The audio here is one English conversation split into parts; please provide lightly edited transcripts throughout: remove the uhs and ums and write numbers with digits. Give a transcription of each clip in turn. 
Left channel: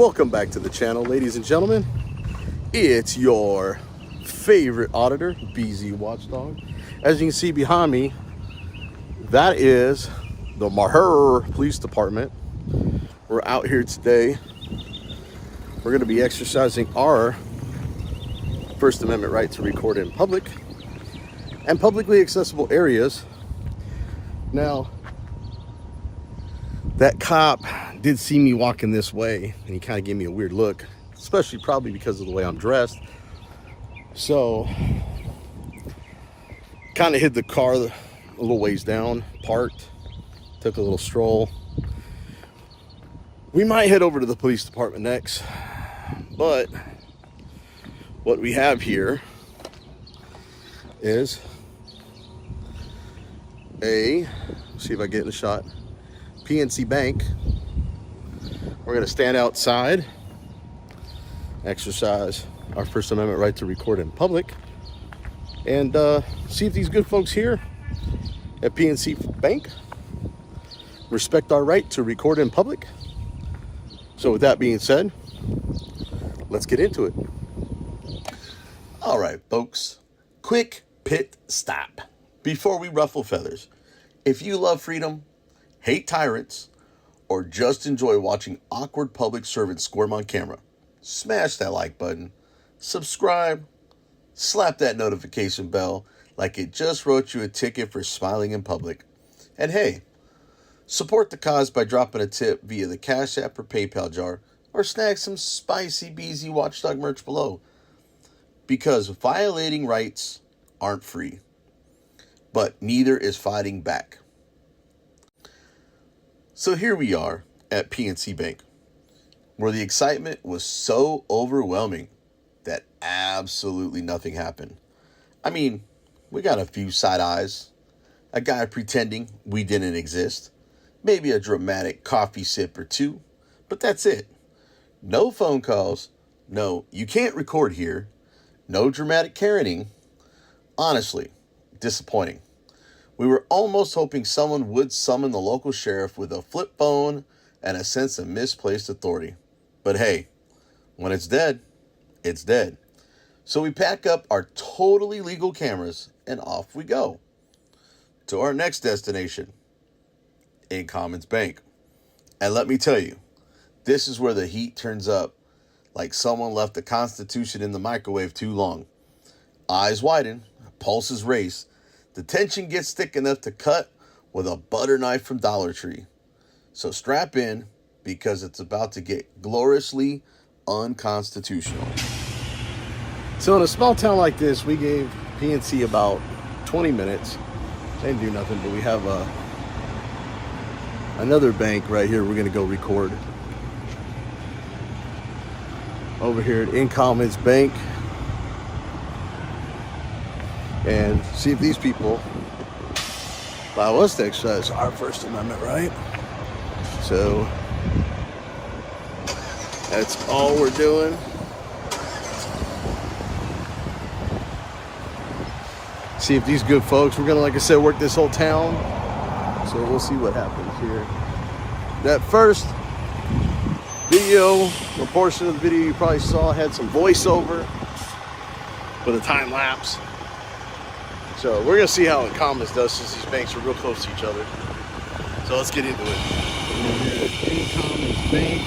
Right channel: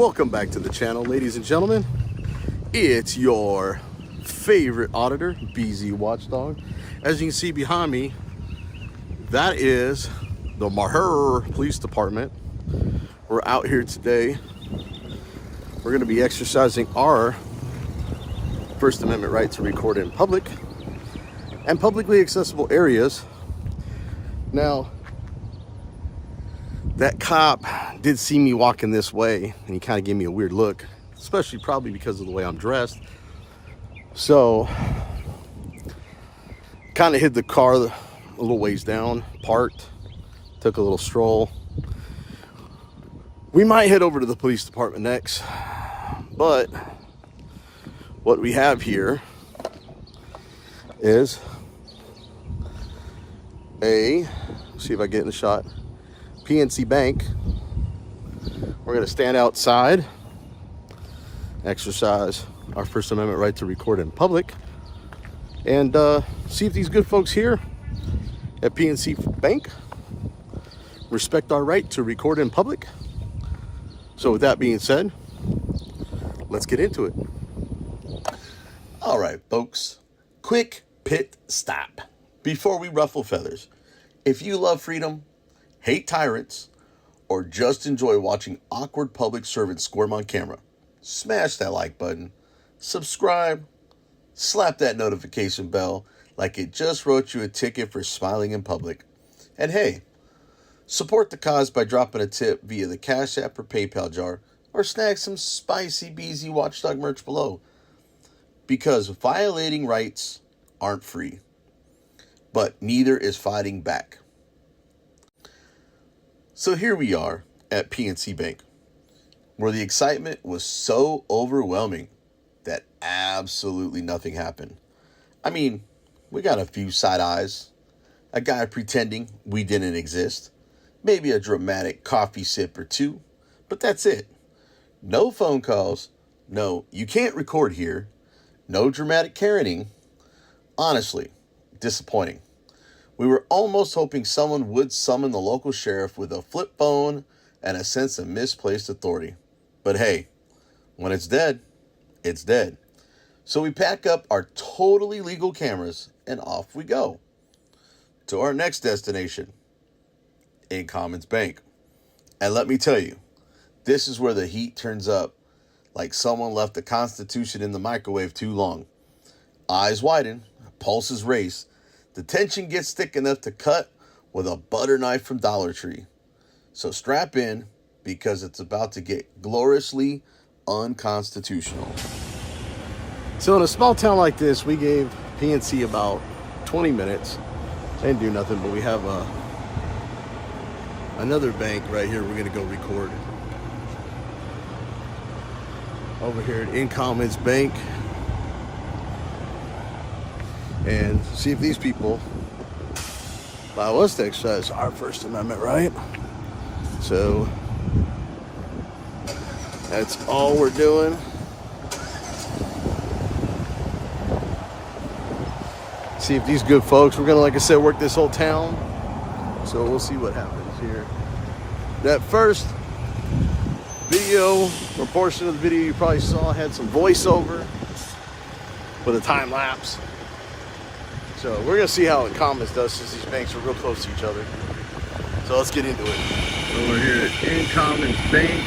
Welcome back to the channel, ladies and gentlemen. It's your favorite auditor, BZ Watchdog. As you can see behind me, that is the MEXIA Police Department. We're out here today. We're going to be exercising our First Amendment right to record in public and publicly accessible areas. Now, that cop did see me walking this way and he kind of gave me a weird look, especially probably because of the way I'm dressed. So, kind of hid the car a little ways down, parked, took a little stroll. We might head over to the police department next, but what we have here is see if I get in the shot, PNC Bank. We're going to stand outside, exercise our First Amendment right to record in public, and see if these good folks here at PNC Bank respect our right to record in public. So with that being said, let's get into it. All right, folks, quick pit stop before we ruffle feathers. If you love freedom, hate tyrants, or just enjoy watching awkward public servants squirm on camera, smash that like button, subscribe, slap that notification bell like it just wrote you a ticket for smiling in public. And hey, support the cause by dropping a tip via the Cash App or PayPal jar, or snag some spicy BZ Watchdog merch below. Because violating rights aren't free, but neither is fighting back. So here we are at PNC Bank, where the excitement was so overwhelming that absolutely nothing happened. I mean, we got a few side eyes, a guy pretending we didn't exist, maybe a dramatic coffee sip or two, but that's it. No phone calls, no, you can't record here, no dramatic Karening. Honestly, disappointing. We were almost hoping someone would summon the local sheriff with a flip phone and a sense of misplaced authority. But hey, when it's dead, it's dead. So we pack up our totally legal cameras and off we go to our next destination, InCommons Bank. And let me tell you, this is where the heat turns up like someone left the Constitution in the microwave too long. Eyes widen, pulses race. The tension gets thick enough to cut with a butter knife from Dollar Tree. So strap in, because it's about to get gloriously unconstitutional. So in a small town like this, we gave PNC about 20 minutes. They didn't do nothing, but we have another bank right here we're going to go record. Over here at InCommons Bank. And see if these people allow us to exercise our First Amendment right. So that's all we're doing. See if these good folks, we're gonna, like I said, work this whole town. So we'll see what happens here. That first video, or portion of the video you probably saw, had some voiceover with a time lapse. So we're gonna see how InCommons does, since these banks are real close to each other. So let's get into it. So we're here at InCommons Bank,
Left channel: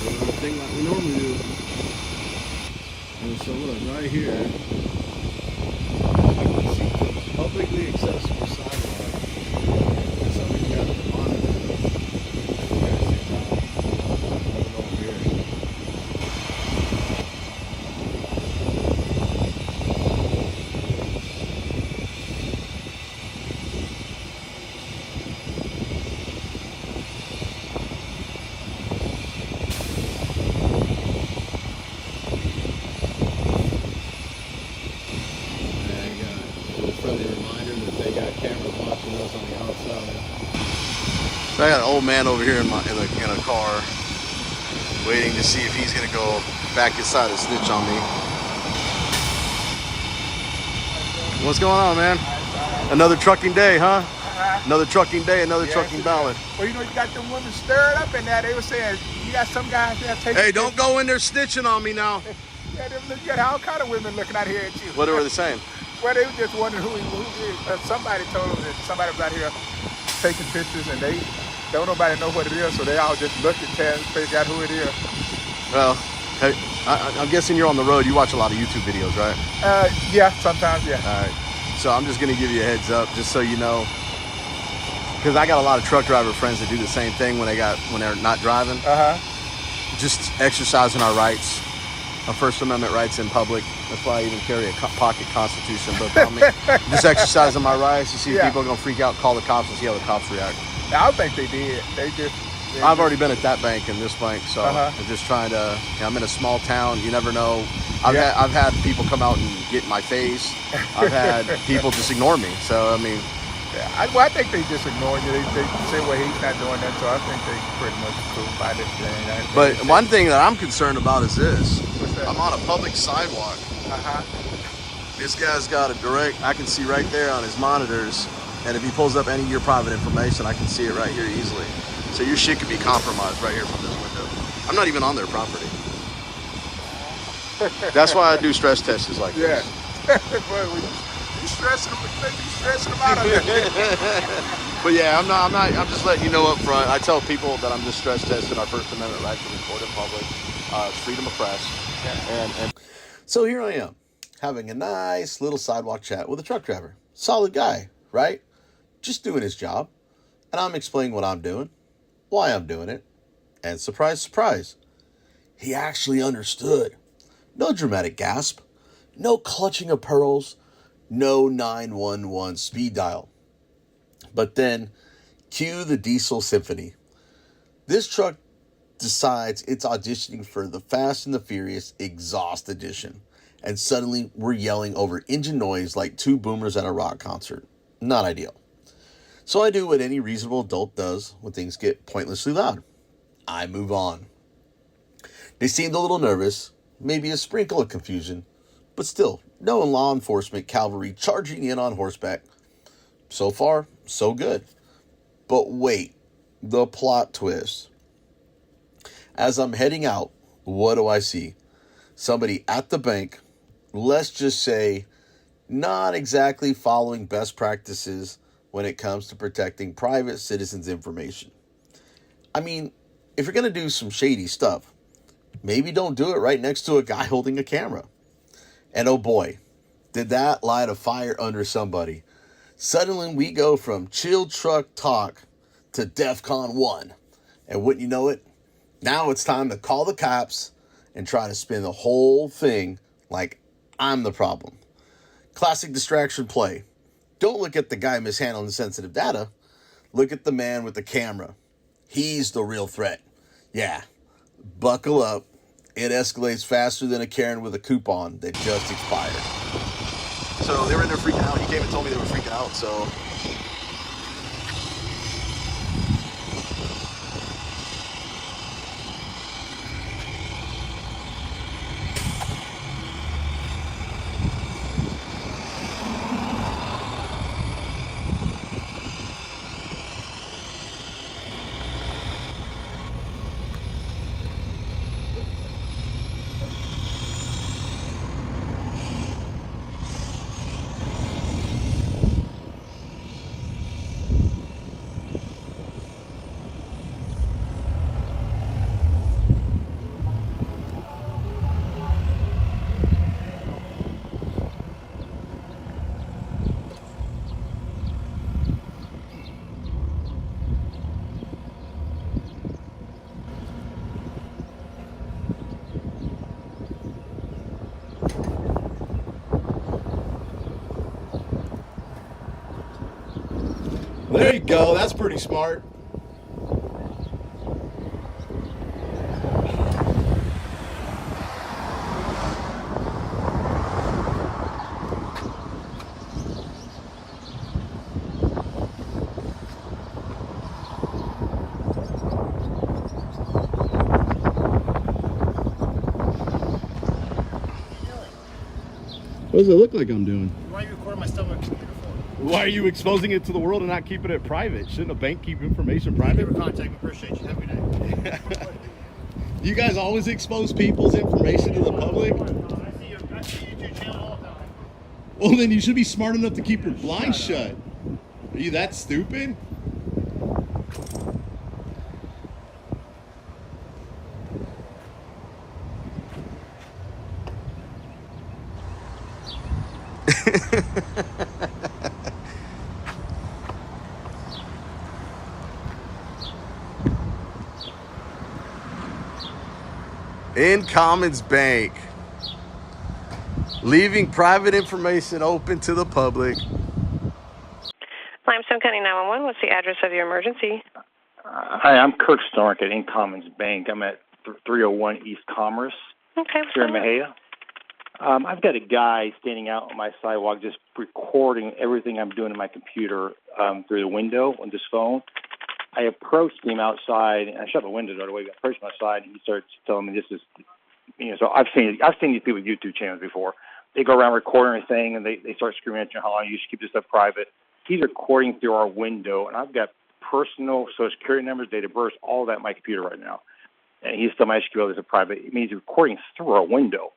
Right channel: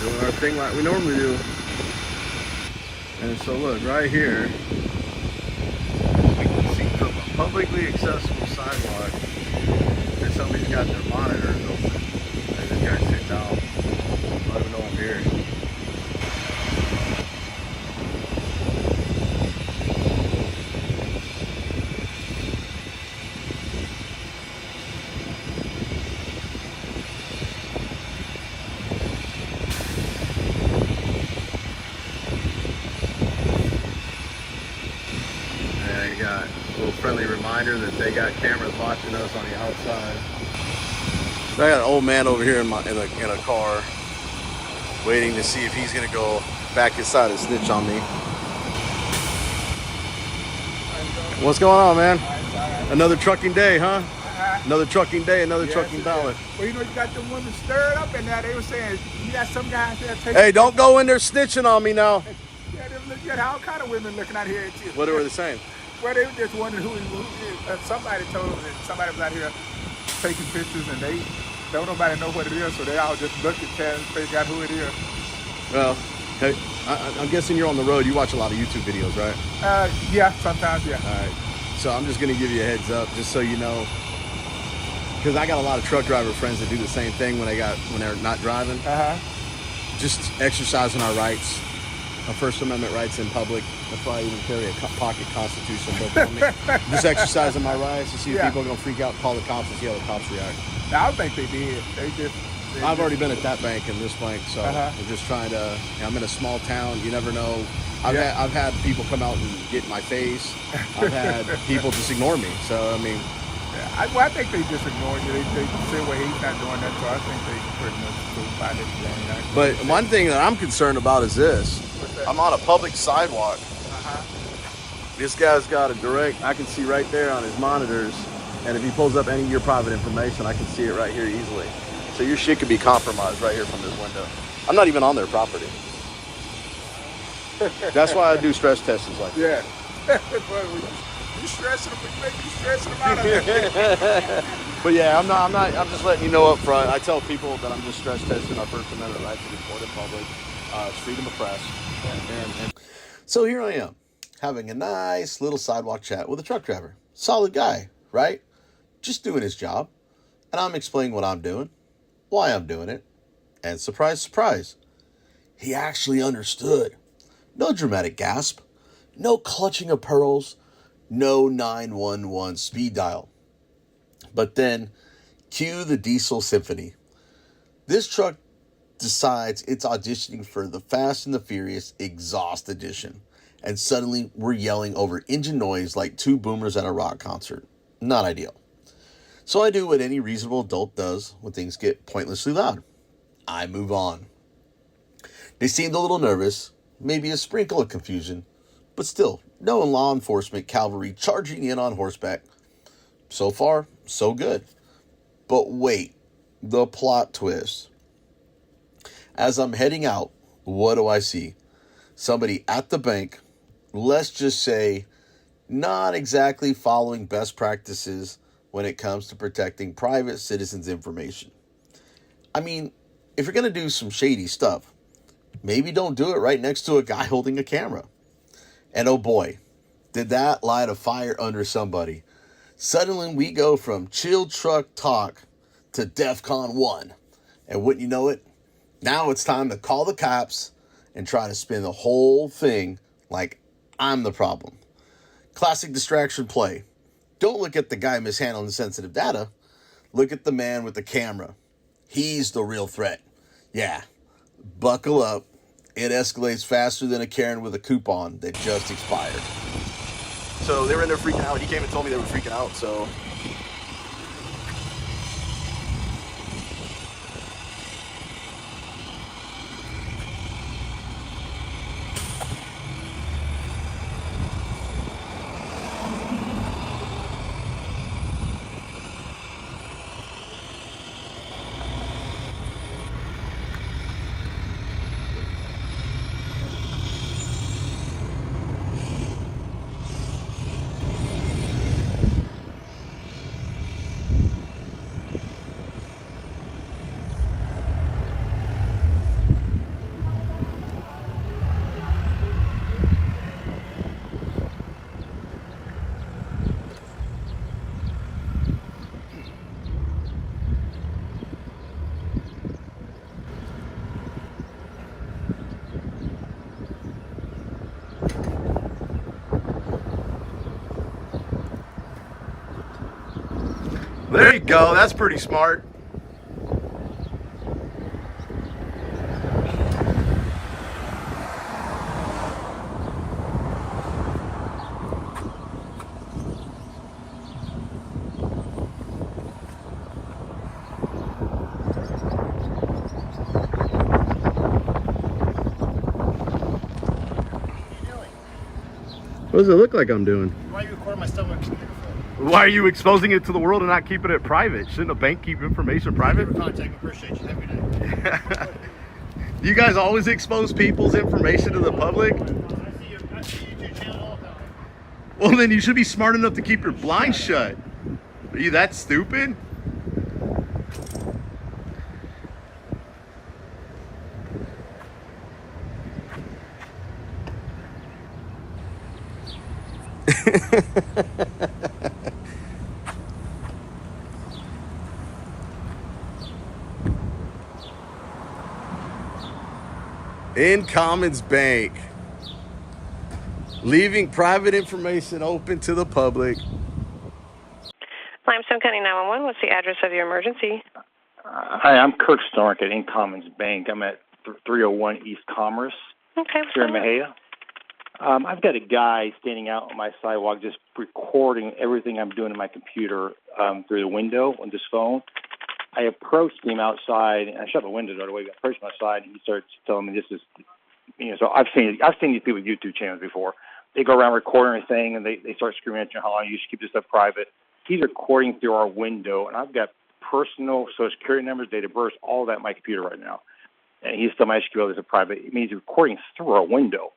doing our thing like we normally do. And so look, right here, we can see the publicly accessible sidewalk, and somebody's got their monitors open. And this guy's sitting down. I don't even know I'm here. Friendly reminder that they got cameras watching us on the outside. So I got an old man over here in a car, waiting to see if he's gonna go back inside and snitch on me. What's going on, man? Another trucking day, huh? Another trucking day, another trucking ballot. Well, you know, you got them women stirred up in there. They were saying, you got some guys here taking... Hey, don't go in there snitching on me now. Yeah, you got all kind of women looking out here at you. What were they saying? Well, they were just wondering who somebody told them that somebody was out here taking pictures, and they don't nobody know what it is, so they all just looked at it and figured out who it is. Well, hey, I'm guessing you're on the road. You watch a lot of YouTube videos, right? Yeah, sometimes, yeah. All right. So I'm just going to give you a heads up, just so you know, because I got a lot of truck driver friends that do the same thing when they're not driving. Just exercising our rights, our First Amendment rights in public. That's why I even carry a pocket Constitution book on me. Just exercising my rights. You see people are going to freak out, call the cops, and see how the cops react. Now, I don't think they did. I've already been at that bank and this bank, so I'm just trying to. I'm in a small town. You never know. I've had people come out and get in my face. I've had people just ignore me. So I mean, I think they just ignore you. They say, well, he's not doing that. So I think they pretty much cool by this doing that. But one thing that I'm concerned about is this: I'm on a public sidewalk. This guy's got a direct. I can see right there on his monitors, and if he pulls up any of your private information, I can see it right here easily. So your shit could be compromised right here from this window. I'm not even on their property. That's why I do stress tests like this. Yeah. You stressing them, you may be stressing them out a little bit. But yeah, I'm not. I'm just letting you know up front. I tell people that I'm just stress testing our First Amendment right to record in public. It's freedom of press. And so here I am, having a nice little sidewalk chat with a truck driver. Solid guy, right? Just doing his job. And I'm explaining what I'm doing, why I'm doing it, and surprise, surprise, he actually understood. No dramatic gasp, no clutching of pearls, no 911 speed dial. But then, cue the diesel symphony. This truck decides it's auditioning for the Fast and the Furious Exhaust Edition, and suddenly we're yelling over engine noise like two boomers at a rock concert. Not ideal. So I do what any reasonable adult does when things get pointlessly loud. I move on. They seemed a little nervous, maybe a sprinkle of confusion, but still, no law enforcement cavalry charging in on horseback. So far, so good. But wait, the plot twist. As I'm heading out, what do I see? Somebody at the bank, let's just say, not exactly following best practices when it comes to protecting private citizens' information. I mean, if you're going to do some shady stuff, maybe don't do it right next to a guy holding a camera. And oh boy, did that light a fire under somebody. Suddenly we go from chill truck talk to DEFCON 1. And wouldn't you know it, now it's time to call the cops and try to spin the whole thing like I'm the problem. Classic distraction play. Don't look at the guy mishandling sensitive data. Look at the man with the camera. He's the real threat. Yeah, buckle up. It escalates faster than a Karen with a coupon that just expired. so they were in there freaking out. He came and told me they were freaking out. So there you go. That's pretty smart. does it look like I'm doing? Why are you recording my stuff on my computer for? Why are you exposing it to the world and not keeping it private? Shouldn't a bank keep information private? Contact, appreciate you. Have a good day. You guys always expose people's information to the public? I see your YouTube channel all the time. Well, then you should be smart enough to keep your blinds shut. Are you that stupid? InCommons Bank, leaving private information open to the public. Limestone County 911, what's the address of your emergency? Hi, I'm Kirk Stork at InCommons Bank. I'm at 301 East Commerce Okay. here in MEXIA. I've got a guy standing out on my sidewalk just recording everything I'm doing in my computer through the window on this phone. I approached him outside, and I shut the window the other way. I approached him outside, and he starts telling me this is, so I've seen these people's YouTube channels before. They go around recording everything, and they start screaming at you how long you should keep this stuff private. He's recording through our window, and I've got personal Social Security numbers, date of birth, all that on my computer right now. And he's telling me I should keep all this private. It means he's recording through our window.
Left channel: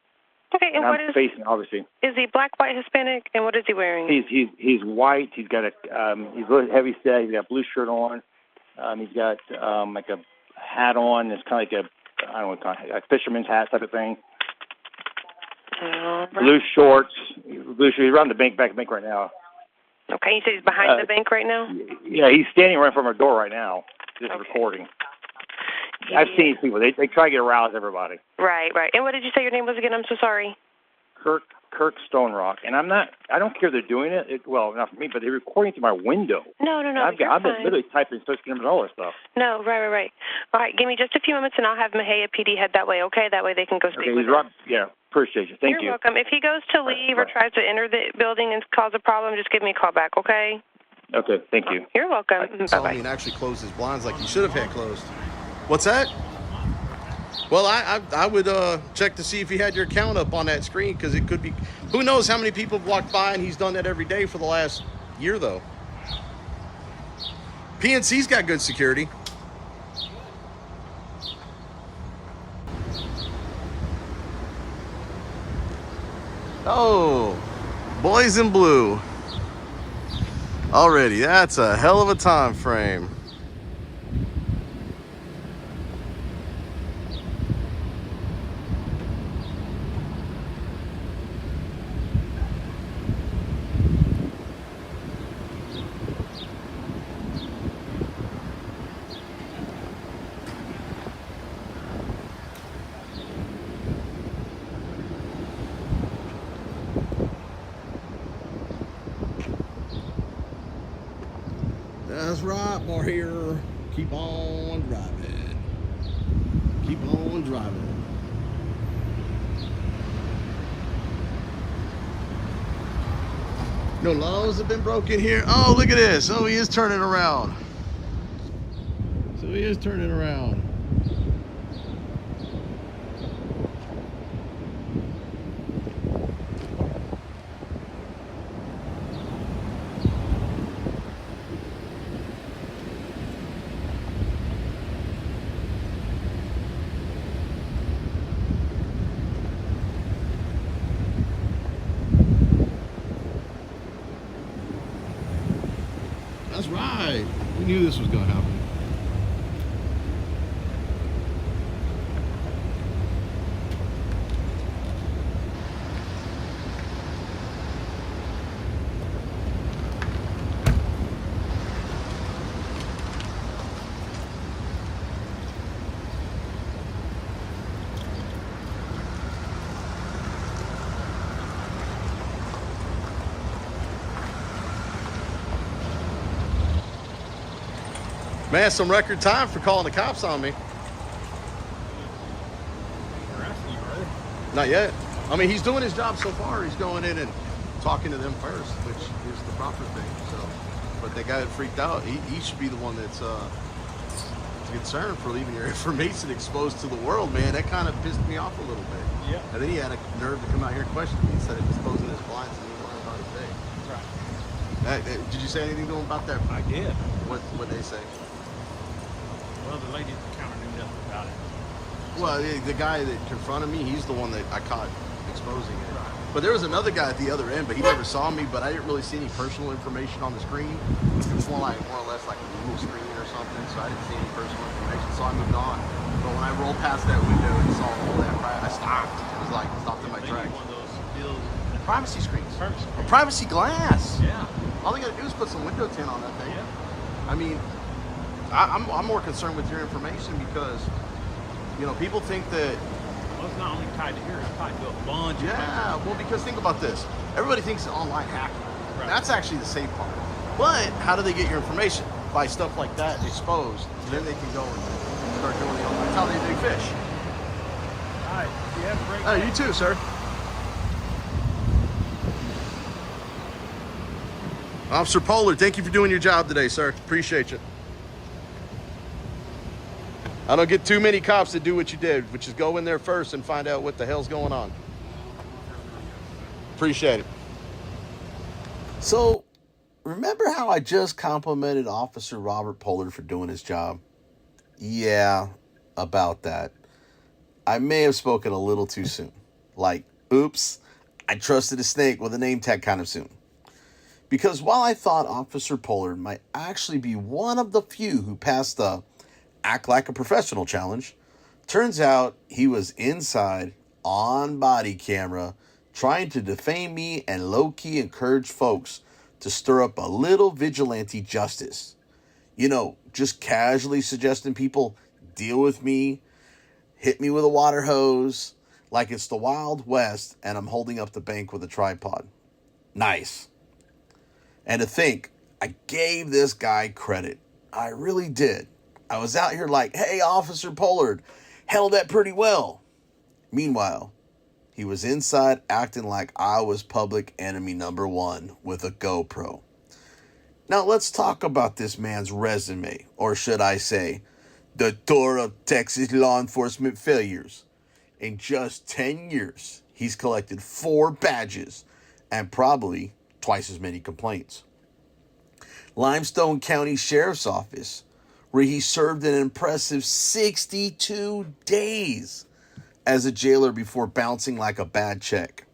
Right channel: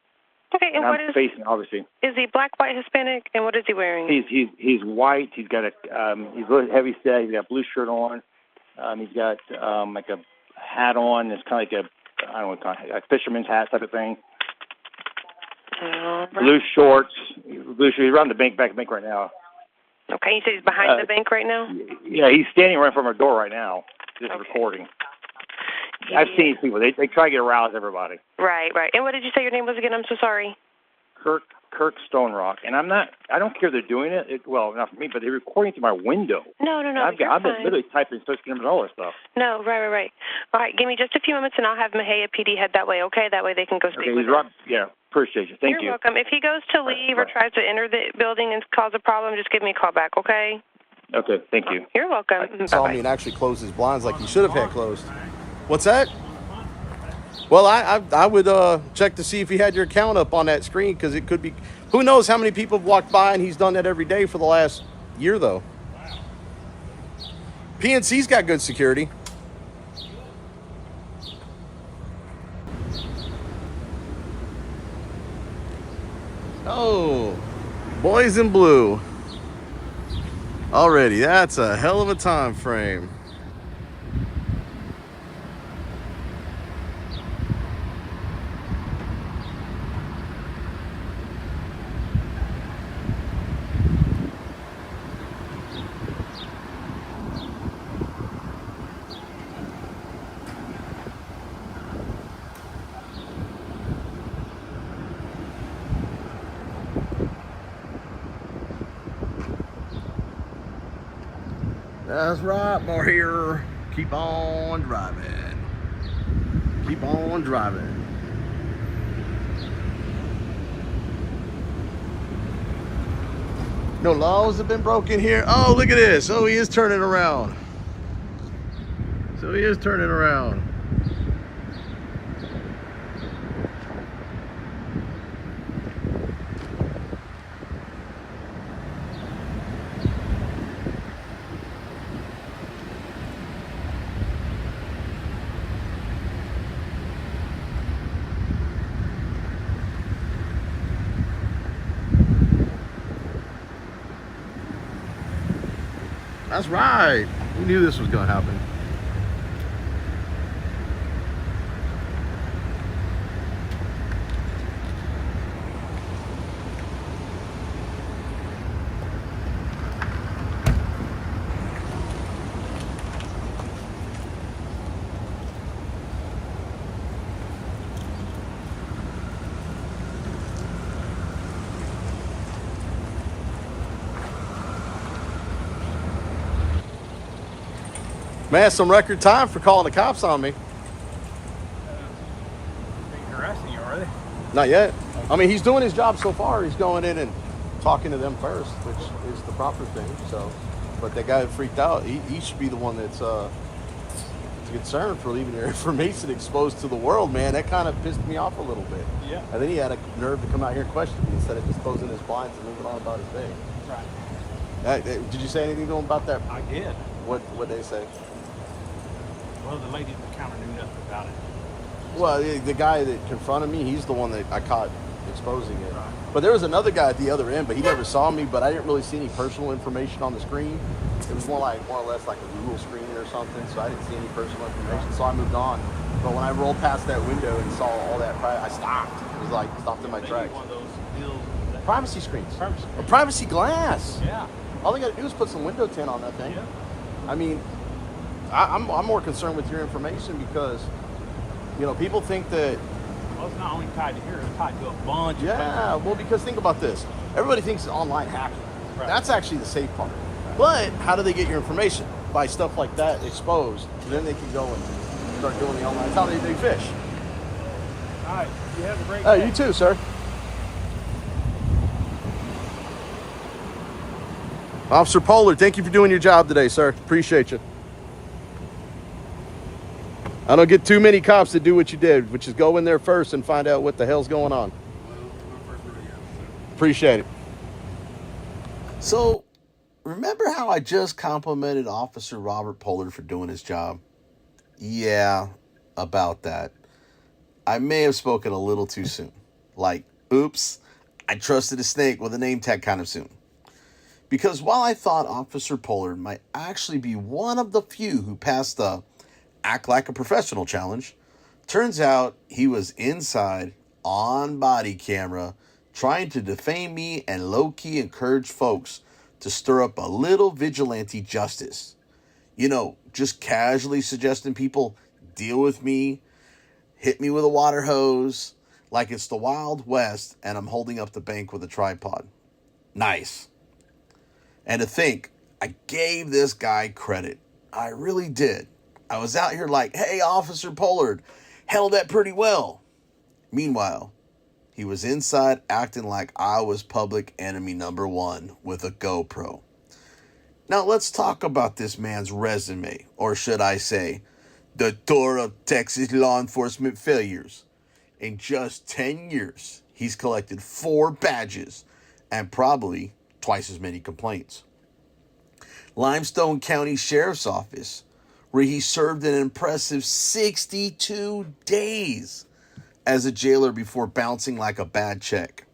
Okay, and what I'm is, facing, obviously. is he black, white, Hispanic, and what is he wearing? He's white. He's got he's really heavy set. He's got a blue shirt on. He's got like a hat on. It's kind of like I don't know, a fisherman's hat type of thing. Blue shorts. Blue shorts. He's around the bank, back at the bank right now. Okay, you said he's behind the bank right now? Yeah, he's standing right in front of our door right now, just recording. Yeah. I've seen these people. They try to get aroused everybody. Right. And what did you say your name was again? I'm so sorry. Kirk Stone Rock, and I don't care they're doing it. Well, not for me, but they're recording through my window. No. I've been literally typing social numbers and all this stuff. No, right. All right, give me just a few moments, and I'll have MEXIA PD head that way. Okay, that way they can go speak with him. Yeah, appreciate you. Thank you. You're welcome. If he goes to leave or tries to enter the building and cause a problem, just give me a call back. Okay. Okay. Thank you. You're welcome. Bye-bye. And actually close his blinds like he should have had closed. What's that? Well, I would check to see if he had your account up on that screen, because it could be. Who knows how many people have walked by, and he's done that every day for the last year, though. PNC's got good security. Oh, boys in blue. Already, that's a hell of a time frame. That's right, boy, here. Keep on driving. Keep on driving. No laws have been broken here. Oh, look at this. Oh, he is turning around. So he is turning around. That's right. We knew this was going to happen. Man, some record time for calling the cops on me. They're arresting you, are they? Not yet. I mean, he's doing his job so far. He's going in and talking to them first, which is the proper thing. So, but that guy that freaked out, he should be the one that's, concerned for leaving your information exposed to the world, man. That kind of pissed me off a little bit. Yeah. And then he had a nerve to come out here and question me instead of just closing his blinds and moving on about his day. Right. Did you say anything to him about that? I did. What they say? Well, the lady kind of knew nothing about it. Well, the guy that confronted me, he's the one that I caught exposing it. But there was another guy at the other end, but he never saw me, but I didn't really see any personal information on the screen. It was more or less like a Google screen or something, so I didn't see any personal information, so I moved on. But when I rolled past that window and saw all that, I stopped. It was like, stopped in my tracks. One of those deals. Privacy screens. Privacy. A privacy glass. Yeah. All they got to do is put some window tint on that thing. Yeah. I mean, I'm more concerned with your information because, you know, people think that. Well, it's not only tied to here, it's tied to a bunch. Yeah, well, because think about this. Everybody thinks it's online hacking. Right. That's actually the safe part. But how do they get your information? By stuff like that exposed. Then they can go and start doing the online. That's how they dig fish. All right. You have a great Oh, day. you too, sir. Officer Pollard, thank you for doing your job today, sir. Appreciate you. I don't get too many cops that do what you did, which is go in there first and find out what the hell's going on. Appreciate it. So, remember how I just complimented Officer Robert Pollard for doing his job? Yeah, about that. I may have spoken a little too soon. Like, oops, I trusted a snake with a name tag kind of soon. Because while I thought Officer Pollard might actually be one of the few who passed the act like a professional challenge, turns out he was inside on body camera trying to defame me and low-key encourage folks to stir up a little vigilante justice. You know, just casually suggesting people deal with me, hit me with a water hose, like it's the Wild West and I'm holding up the bank with a tripod. Nice. And to think, I gave this guy credit. I really did. I was out here like, hey, Officer Pollard, held that pretty well. Meanwhile, he was inside acting like I was public enemy number one with a GoPro. Now let's talk about this man's resume, or should I say, the tour of Texas law enforcement failures. In just 10 years, he's collected 4 badges and probably twice as many complaints. Limestone County Sheriff's Office, where he served an impressive 62 days as a jailer before bouncing like a bad check.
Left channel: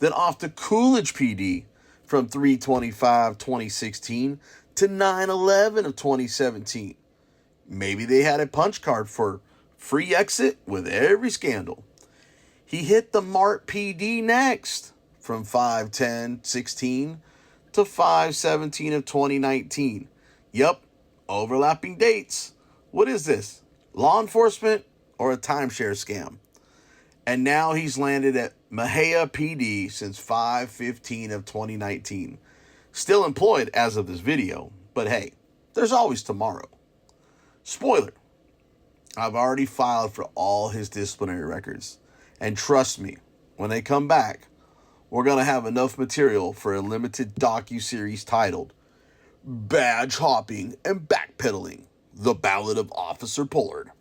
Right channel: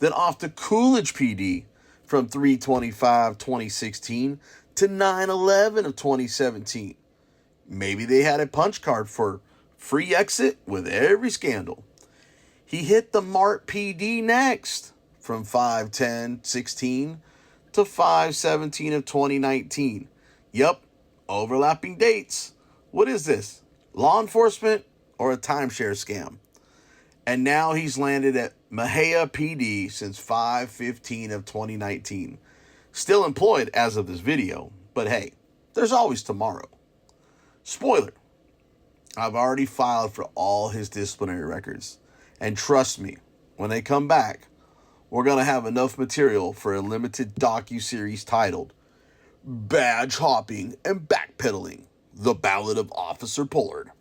Then off to Coolidge PD from 3/25/2016 to 9/11 of 2017. Maybe they had a punch card for free exit with every scandal. He hit the Mart PD next from 5/10/16 to 5/17 of 2019. Yup, overlapping dates. What is this? Law enforcement or a timeshare scam? And now he's landed at MEXIA PD since 5/15 of 2019. Still employed as of this video, but hey, there's always tomorrow. Spoiler, I've already filed for all his disciplinary records. And trust me, when they come back, we're going to have enough material for a limited docu-series titled Badge Hopping and Backpedaling, The Ballad of Officer Pollard.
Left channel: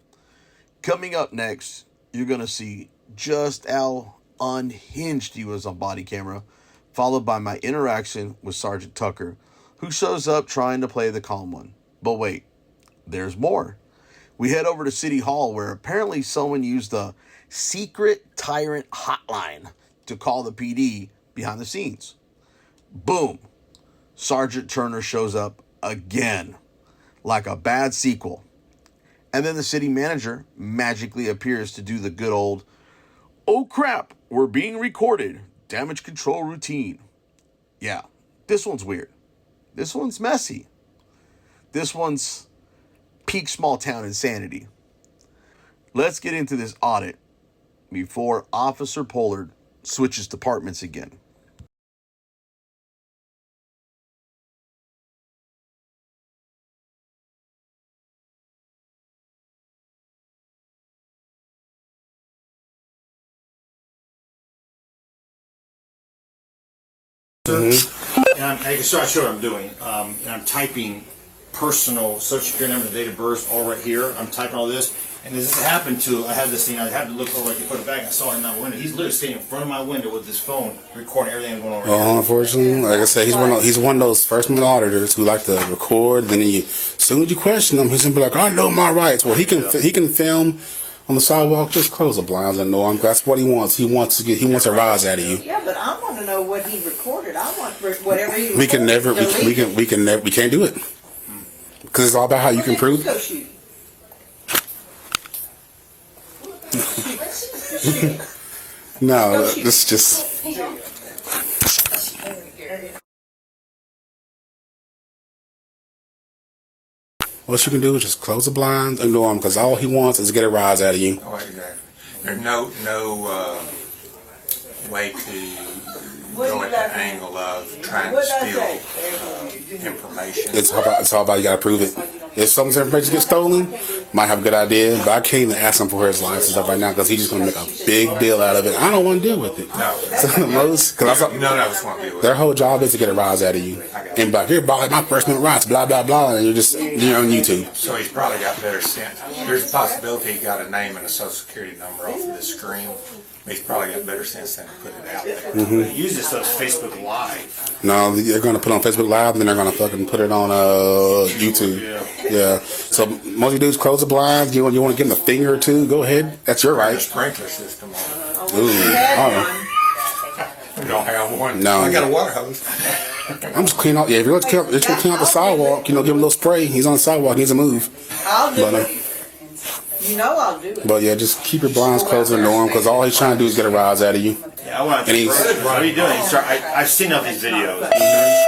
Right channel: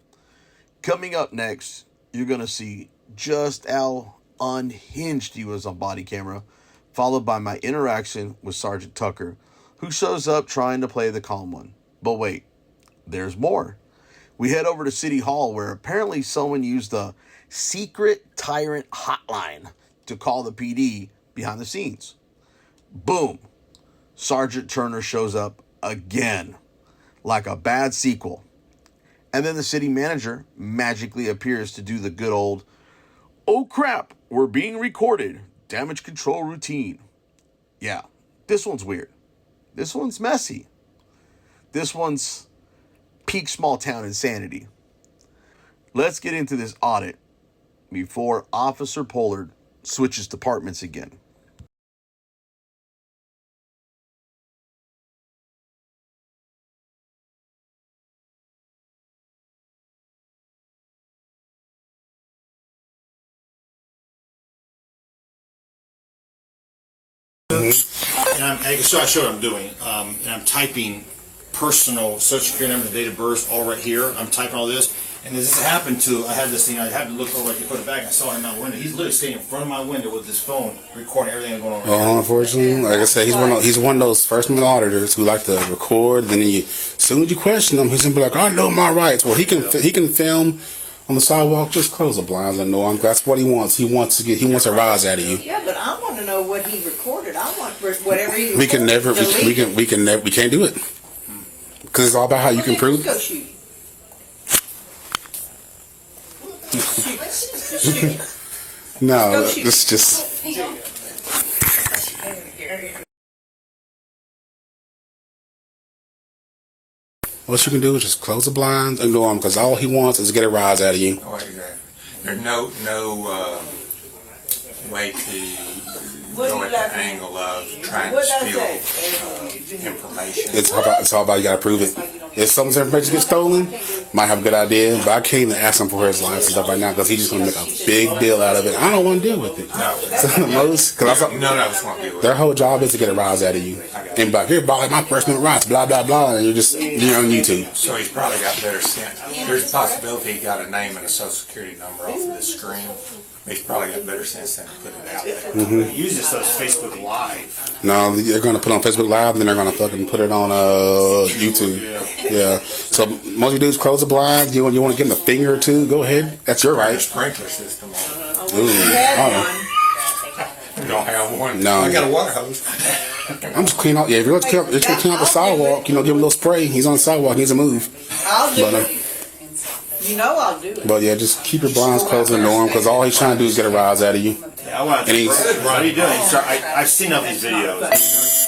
Coming up next, you're going to see just how unhinged he was on body camera, followed by my interaction with Sergeant Tucker, who shows up trying to play the calm one. But wait, there's more. We head over to City Hall, where apparently someone used the secret tyrant hotline to call the PD behind the scenes. Boom. Sergeant Turner shows up again, like a bad sequel. And then the city manager magically appears to do the good old, oh crap, we're being recorded, damage control routine. Yeah, this one's weird. This one's messy. This one's peak small town insanity. Let's get into this audit before Officer Pollard switches departments again. And I can show what I'm doing. And I'm typing personal social security number, the date of birth, all right here. I'm typing all this. And as this happened to, I had this thing, I had to look over, I could put it back, I saw him out the window. He's literally sitting in front of my window with his phone, recording everything that's going on right now. Well, unfortunately, like I said, he's one of those first-time auditors who like to record, and then as soon as you question him, he's gonna be like, I know my rights. Well, he can film on the sidewalk, just close the blinds and know him. That's what he wants. He wants a rise out of you. Yeah, but I want to know what he recorded. I want whatever he We can't do it. Because it's all about how you can prove. No, it's just. What you can do is just close the blinds, ignore him, because all he wants is to get a rise out of you. Oh, exactly. There's no way to go at the angle of trying to steal information. It's all about you got to prove it. If some information gets stolen, might have a good idea, but I can't even ask him for his life and stuff right now because he's just going to make a big deal out of it. I don't want to deal with it. No. None of us want to deal with it. Their whole job is to get a rise out of you. And like, here, my First Amendment rights, blah, blah, blah, and you're on YouTube. So he's probably got better sense. There's a possibility he got a name and a social security number off of this screen. He's probably got better sense than to put it out there. Mm-hmm. Use this on Facebook Live. No, they're going to put it on Facebook Live, and then they're going to fucking put it on YouTube. Yeah. So most you do is close the blinds. You want to give them a finger or two? Go ahead. That's your right. Sprinkler system on. Ooh, I don't have one. No. I got a water hose. I'm just clean out. Yeah, if you're going to clean out the sidewalk, give him a little spray. He's on the sidewalk. He needs to move. I'll do it. You know I'll do it. But yeah, just keep your blinds closed and ignore him because all he's trying to do is get a rise out of you. Yeah, I want to. What are you doing? I've seen all these videos.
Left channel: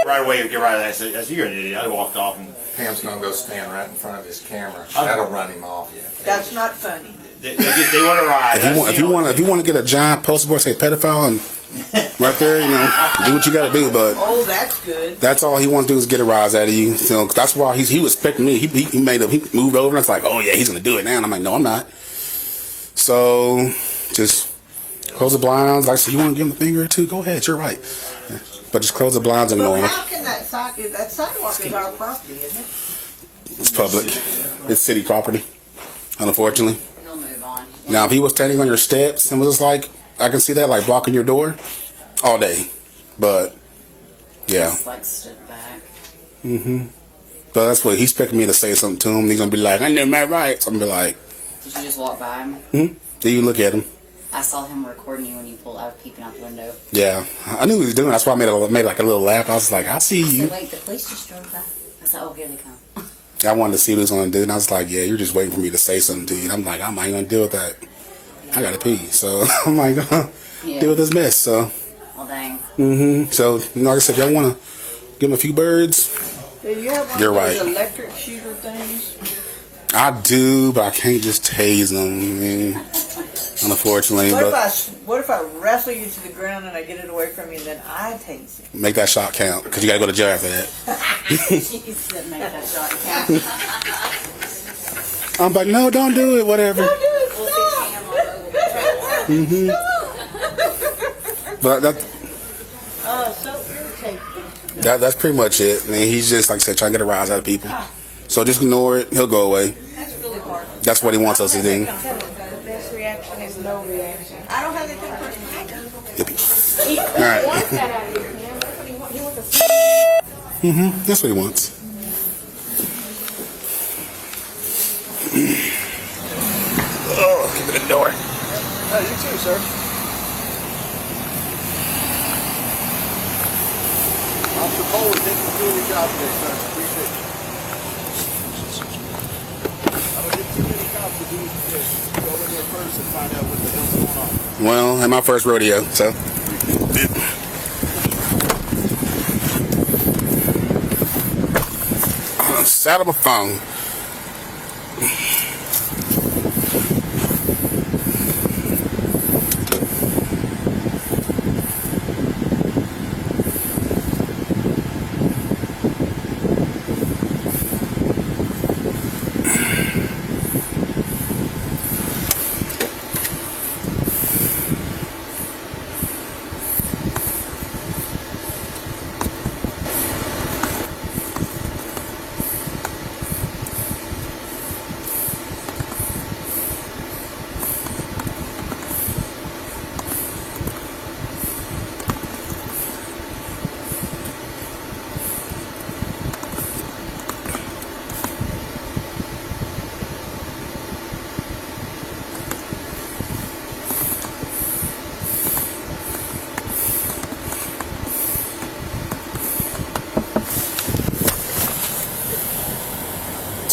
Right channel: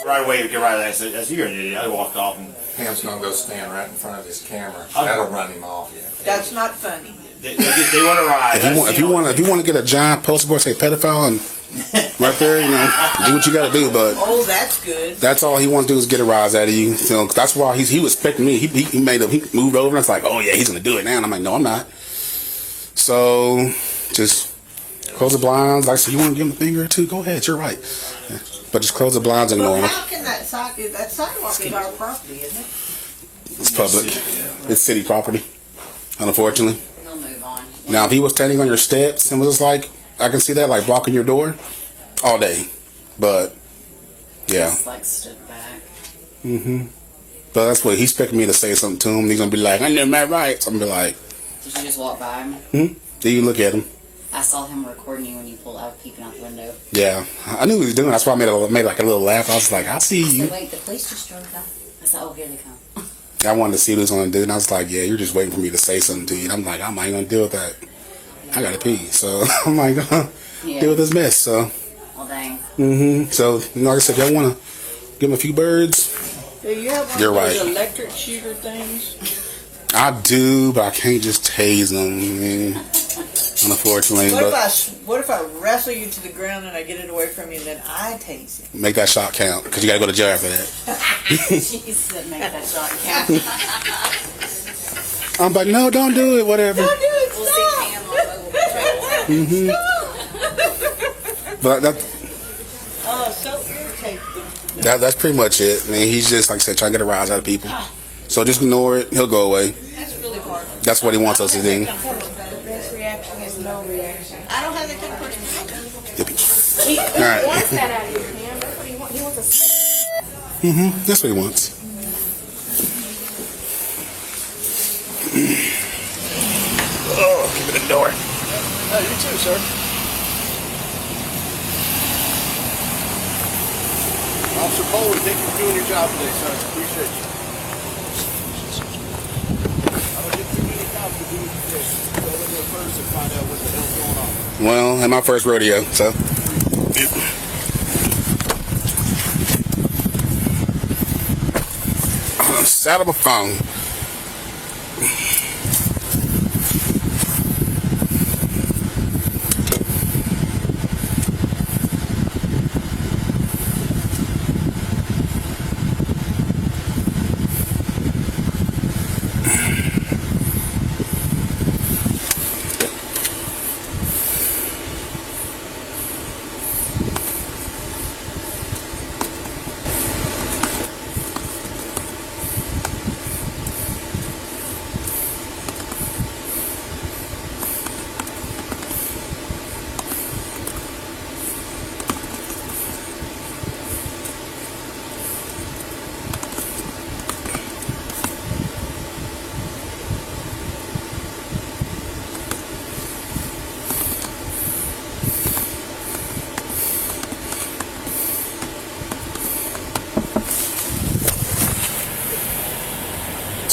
Right away, you get right at that. As you're an idiot, I walked off and. Pam's gonna go stand right in front of his camera. That'll run him off. That's not funny. They want to ride. If you want to get a giant poster board say pedophile and right there, do what you got to do. But that's good. That's all he wants to do is get a rise out of you. That's why he was expecting me. He moved over and it's like, oh yeah, he's gonna do it now. And I'm like, no, I'm not. So just close the blinds. Like I said, you want to give him a finger or two? Go ahead, you're right. But just close the blinds and ignore him. How can that sidewalk is our property, isn't it? It's public. It's city property, unfortunately. Now, if he was standing on your steps and was like, I can see that, like blocking your door all day. But, yeah. Just like stood back. Mm-hmm. But that's what he's expecting me to say something to him. He's going to be like, I know my rights. I'm going to be like. Did you just walk by him? Hmm? Did you look at him? I saw him recording you when you pulled out, peeping out the window. Yeah. I knew what he was doing. That's why I made like a little laugh. I was like, I see you. I said, wait, the police just drove by. I said, oh, here they come. I wanted to see what he was going to do. And I was like, yeah, you're just waiting for me to say something to you. And I'm like, I'm not even going to deal with that. I got to pee. So I'm like, deal with this mess. So. Well, dang. Mm-hmm. So, like I said, if y'all want to give him a few birds, do you have one you're of those right. electric shooter things? I do, but I can't just tase them, unfortunately. What if I wrestle you to the ground and I get it away from you and then I tase it? Make that shot count, because you got to go to jail after that. She said make that shot count. I'm like, no, don't do it, whatever. Don't do it, mm-hmm. But so irritating. That's pretty much it. I mean, he's just, like I said, trying to get a rise out of people. So just ignore it. He'll go away. That's really hard. That's what he wants us to do. The best reaction is no reaction. I don't have that kind of person. All right. Mm-hmm. That's what he wants. Oh, keep it in the door. Oh, you too, sir. Officer Bowler, thank you for doing your job today, sir. Appreciate it. I don't get too many cops to do this. Go in there first and find out what the hell's going on. Well, at my first rodeo, so. Saddle my phone.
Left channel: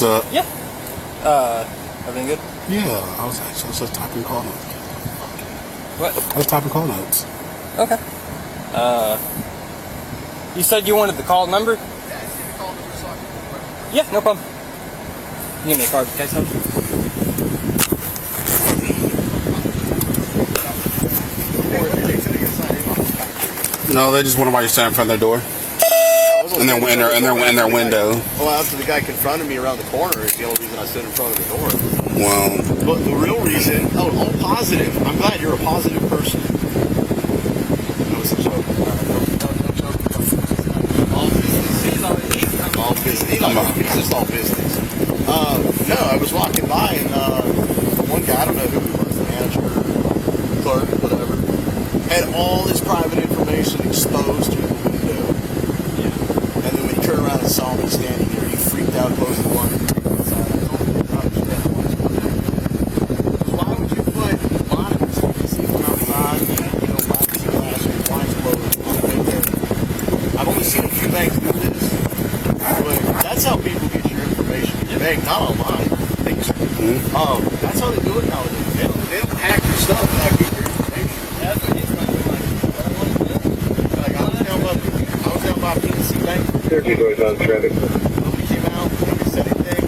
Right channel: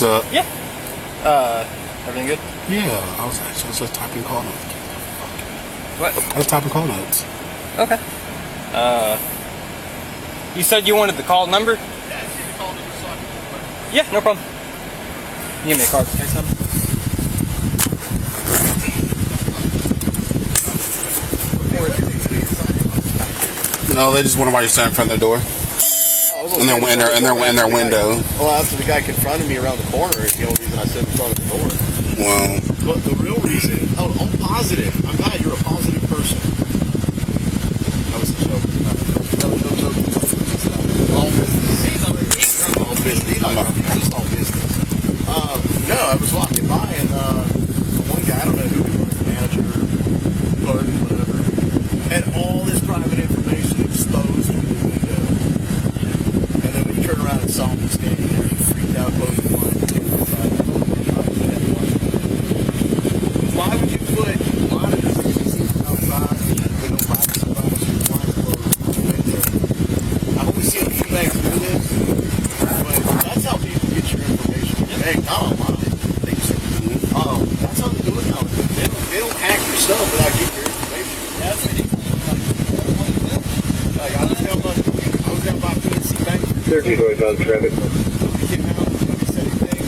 What's up? Yep. Everything good? Yeah, I was just typing call notes. What? I was typing call notes. Okay. You said you wanted the call number? Yeah, no problem. You give me a card, okay, son? No, they just wonder why you stand in front of their door. In their window. Well, after the guy confronted me around the corner, it's the only reason I stood in front of the door. Well, but the real reason, all positive. I'm glad you're a positive person. That was a joke. No joke. All business. He's all business. It's just all business. No, I was walking by and the one guy, I don't know who he was, manager, clerk, whatever, had all this private information exposed to the window. And then when he turned around and saw me standing there, he freaked out, closed the blind. Why would you put monitors that you see from outside with no privacy glass and blinds closed on the window? I've only seen a few banks do this, but that's how people get your information. Bank, not online. That's how they do it nowadays. They don't hack your stuff without getting your information. That's what like I was down by PNC Bank. 32,000 traffic. Nobody came out. Nobody said anything.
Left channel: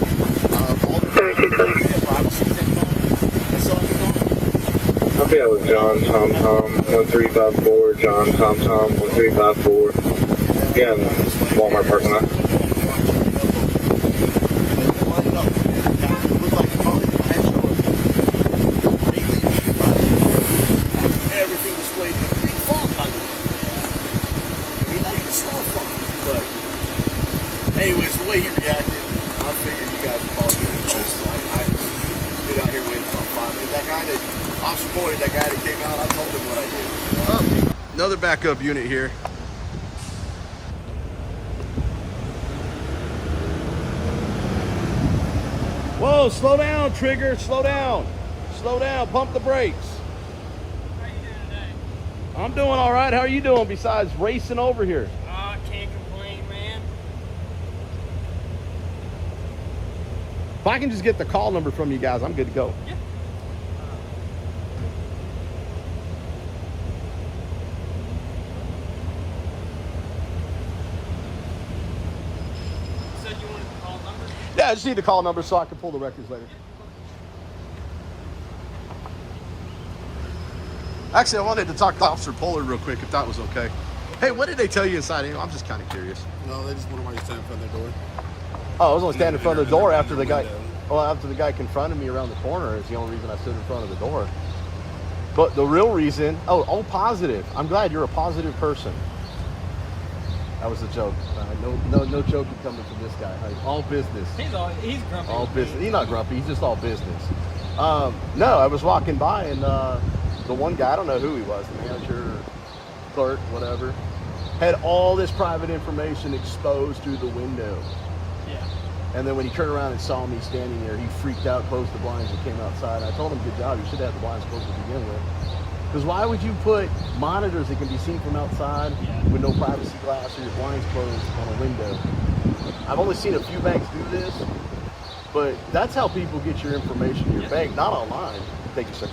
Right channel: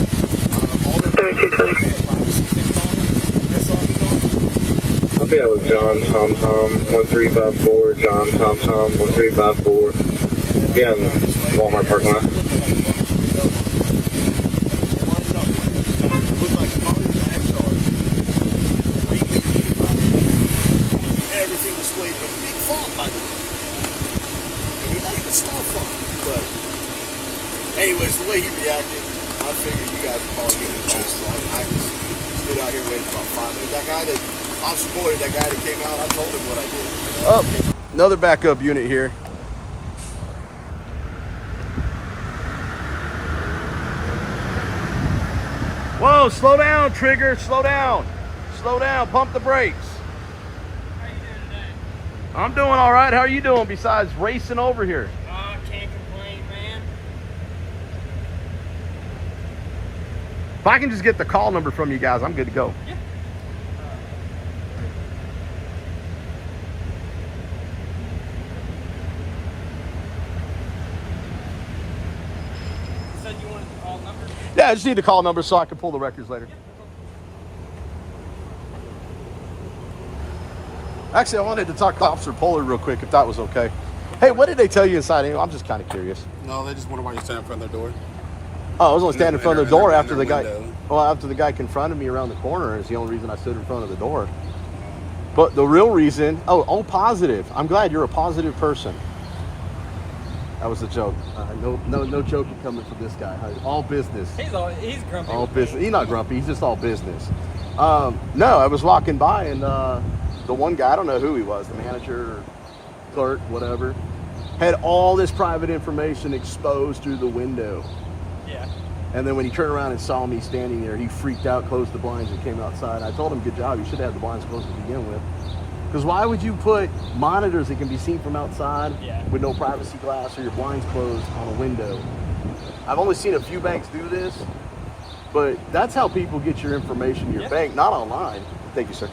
All their privacy things on. That's all they on. Okay, that was John Tom 1354. John Tom 1354. Yeah, Walmart parking lot. Everything displayed with a big font by the way. But anyways, the way he reacted, I figured you guys would probably get it close. So I stood out here waiting about 5 minutes. That guy that Officer Boyd, that guy that came out, I told him what I did. Oh, another backup unit here. Whoa, slow down, Trigger, slow down. Slow down, pump the brakes. How you doing today? I'm doing all right. How are you doing besides racing over here? I can't complain, man. If I can just get the call number from you guys, I'm good to go. Yeah. You said you wanted the call number? Yeah, I just need the call number so I can pull the records later. Yeah. Actually, I wanted to talk to Officer Pollard real quick, if that was okay. Hey, what did they tell you inside? I'm just kind of curious. no, they just wonder why you stand in front of their door. Oh, I was only standing in front of the door after the guy. window. Well, after the guy confronted me around the corner, is the only reason I stood in front of the door. But the real reason, all positive. I'm glad you're a positive person. That was a joke. No joke coming from this guy. All business. He's grumpy. All business. He's not grumpy. He's just all business. No, I was walking by and the one guy, I don't know who he was, the manager, clerk, whatever, had all this private information exposed through the window. Yeah. And then when he turned around and saw me standing there, he freaked out, closed the blinds, and came outside. I told him, good job, you should have the blinds closed to begin with. Because why would you put monitors that can be seen from outside with no privacy glass or your blinds closed on a window? I've only seen a few banks do this, but that's how people get your information in your bank, not online. Thank you, sir.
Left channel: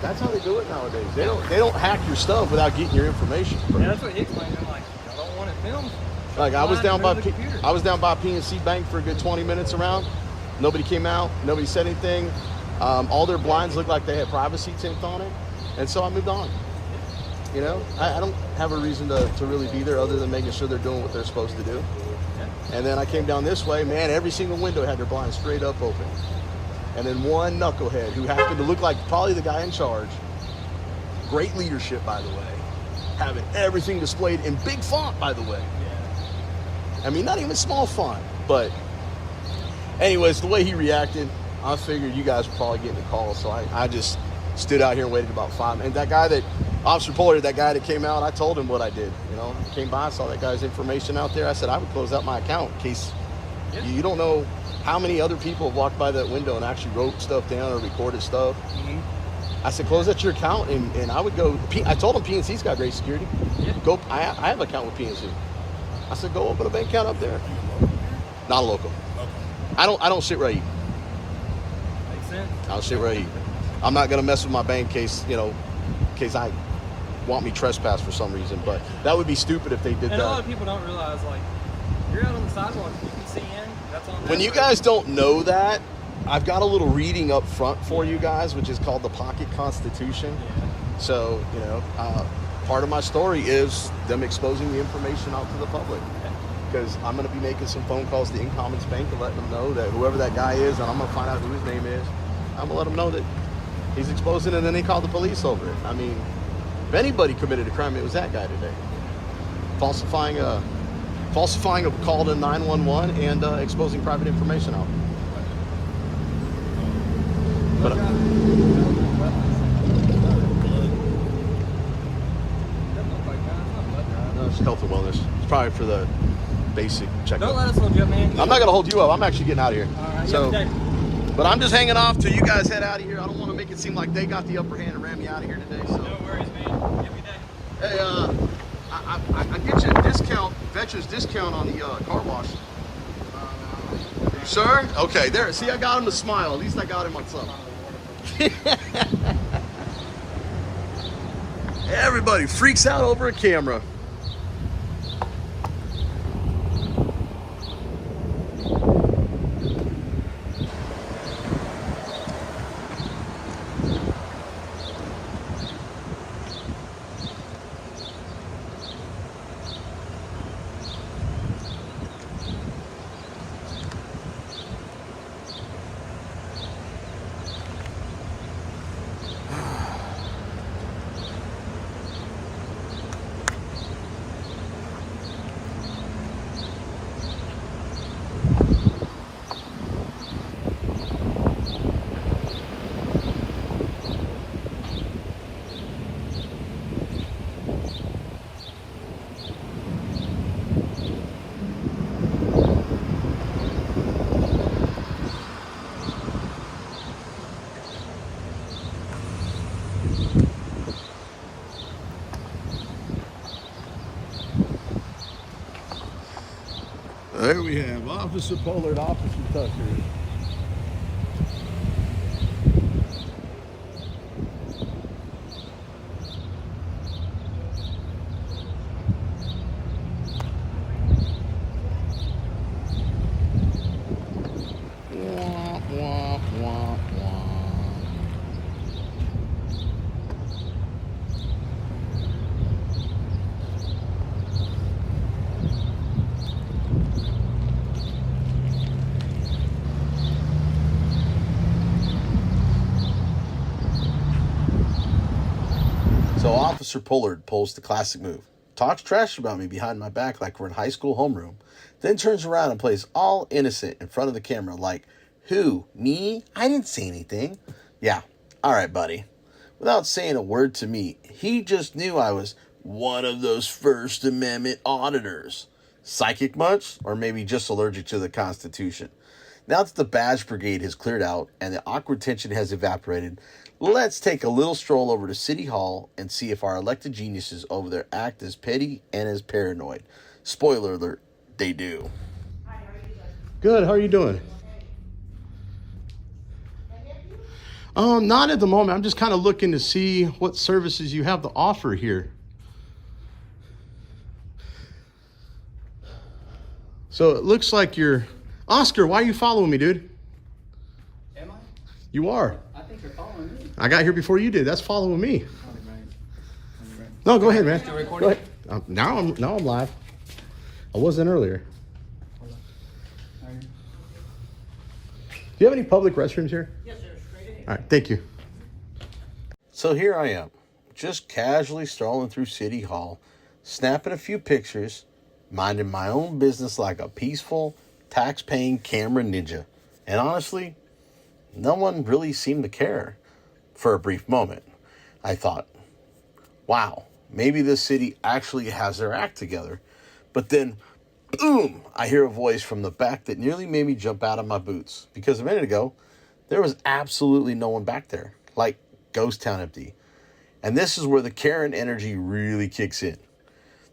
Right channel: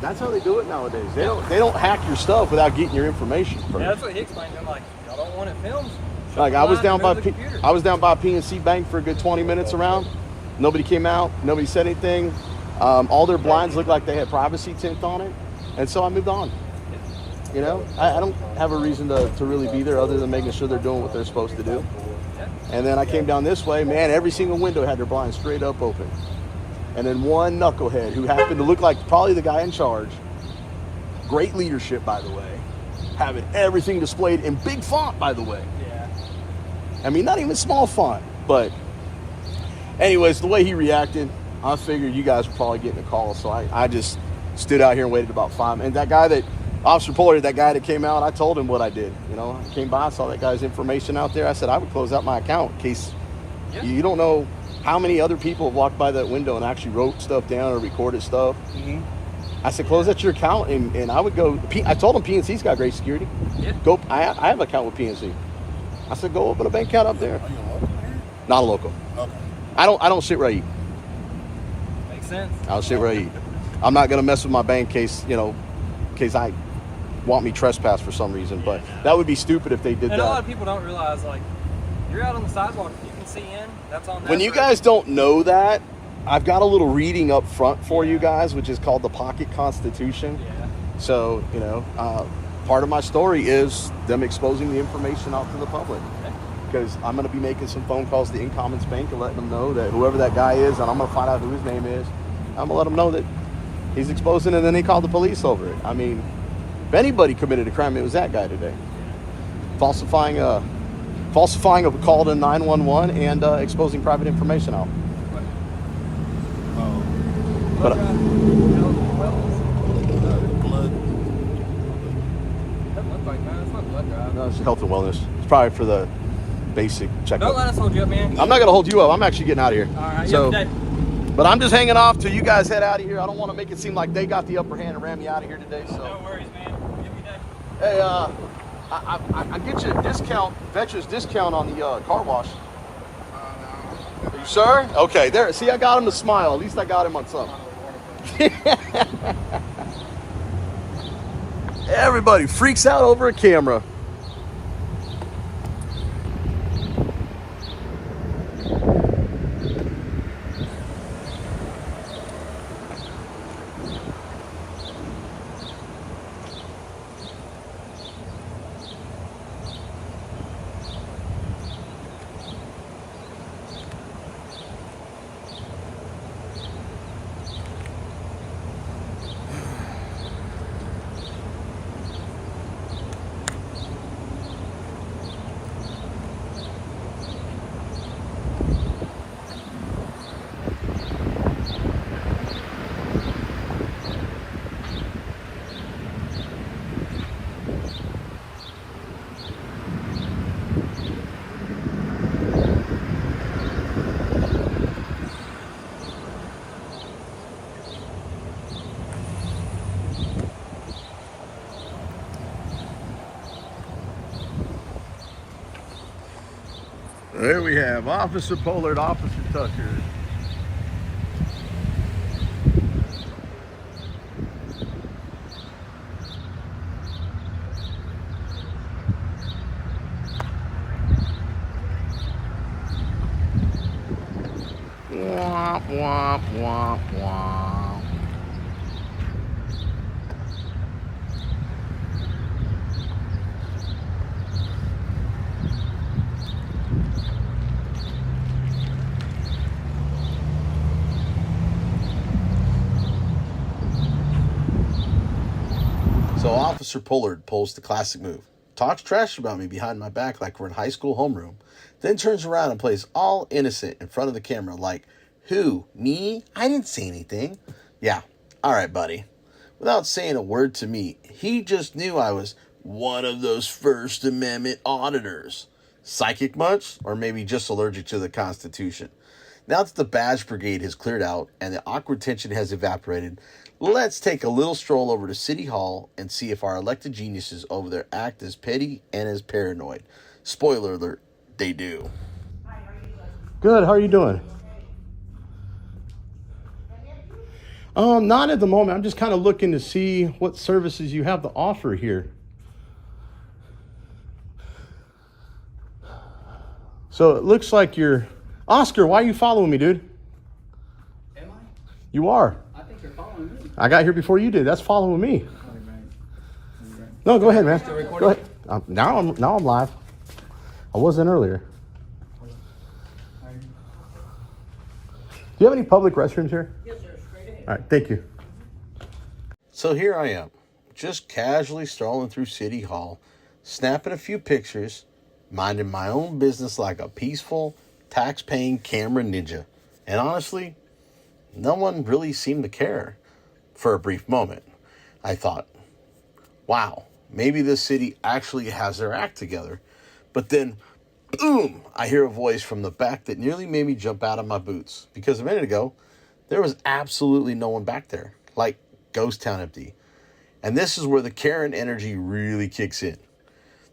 That's how they do it nowadays. They don't hack your stuff without getting your information. Yeah, that's what he explained. I'm like, I don't want it filmed. Like I was down by PNC Bank for a good 20 minutes around. Nobody came out. Nobody said anything. All their blinds looked like they had privacy tint on it, and so I moved on. You know, I don't have a reason to really be there other than making sure they're doing what they're supposed to do. And then I came down this way, man. Every single window had their blinds straight up open. And then one knucklehead who happened to look like probably the guy in charge. Great leadership, by the way. Having everything displayed in big font, by the way. I mean, not even small font, but anyways, the way he reacted, I figured you guys were probably getting a call, so I just stood out here and waited about 5 minutes. And that guy that, Officer Pollard, that guy that came out, I told him what I did. You know, I came by, saw that guy's information out there. I said, I would close out my account in case you don't know how many other people have walked by that window and actually wrote stuff down or recorded stuff. Mm-hmm. I said, close out your account, and I would go. I told him PNC's got great security. Yeah. Go. I have an account with PNC. I said, go open a bank account up there. Are you a local here? Not a local. Okay. I don't sit right. Makes sense. I'll sit right. I'm not gonna mess with my bank case, case I want me trespass for some reason. But that would be stupid if they did And that. a lot of people don't realize, like, you're out on the sidewalk, you can see in. That's on. When you guys don't know that, I've got a little reading up front for you guys, which is called the Pocket Constitution. Yeah. So, part of my story is them exposing the information out to the public. Because I'm going to be making some phone calls to InCommons Bank and let them know that whoever that guy is, and I'm going to find out who his name is, I'm going to let them know that he's exposing it, and then they called the police over it. I mean, if anybody committed a crime, it was that guy today. Falsifying a call to 911 and exposing private information out. But, no, it's health and wellness. It's probably for the basic checkup. Don't let us hold you up, man. I'm not going to hold you up. I'm actually getting out of here. All right, But I'm just hanging off till you guys head out of here. I don't want to make it seem like they got the upper hand and ran me out of here today. So. No worries, man. Hey, I get you a discount, veterans discount on the car wash. Are you sure? Okay, there. See, I got him to smile. At least I got him on something. Everybody freaks out over a camera. There we have Officer Pollard, Officer Tucker. Womp, womp, womp, womp. So Officer Pollard pulls the classic move. Talks trash about me behind my back like we're in high school homeroom. Then turns around and plays all innocent in front of the camera like, who? Me? I didn't say anything. Yeah, all right, buddy. Without saying a word to me, he just knew I was one of those First Amendment auditors. Psychic much? Or maybe just allergic to the Constitution? Now that the badge brigade has cleared out and the awkward tension has evaporated, let's take a little stroll over to City Hall and see if our elected geniuses over there act as petty and as paranoid. Spoiler alert, they do. Good, how are you doing? Not at the moment. I'm just kind of looking to see what services you have to offer here. So it looks like you're... Oscar, why are you following me, dude? Am I? You are. I think you're following me. I got here before you did. That's following me. No, go ahead, man. Still recording? Go ahead. Now I'm live. I wasn't earlier. Do you have any public restrooms here? Yes, sir. Straight ahead. All right, thank you. So here I am, just casually strolling through City Hall, snapping a few pictures, minding my own business like a peaceful, tax-paying camera ninja. And honestly, no one really seemed to care. For a brief moment, I thought, wow, maybe this city actually has their act together. But then, boom, I hear a voice from the back that nearly made me jump out of my boots. Because a minute ago, there was absolutely no one back there. Like, ghost town empty. And this is where the Karen energy really kicks in.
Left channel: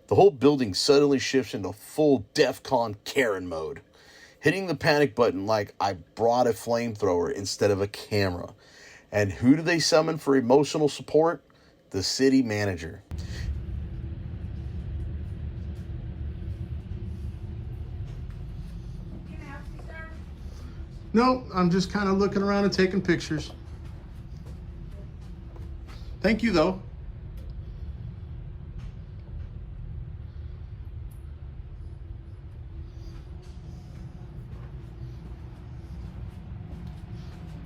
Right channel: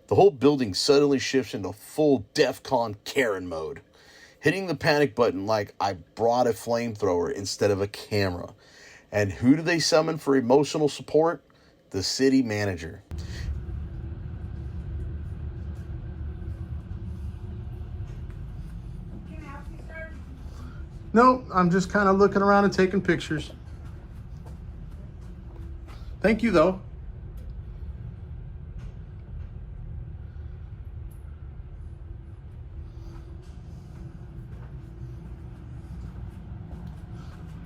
The whole building suddenly shifts into full DEFCON Karen mode. hitting the panic button like I brought a flamethrower instead of a camera. And who do they summon for emotional support? The city manager. No, I'm just kind of looking around and taking pictures. Thank you, though.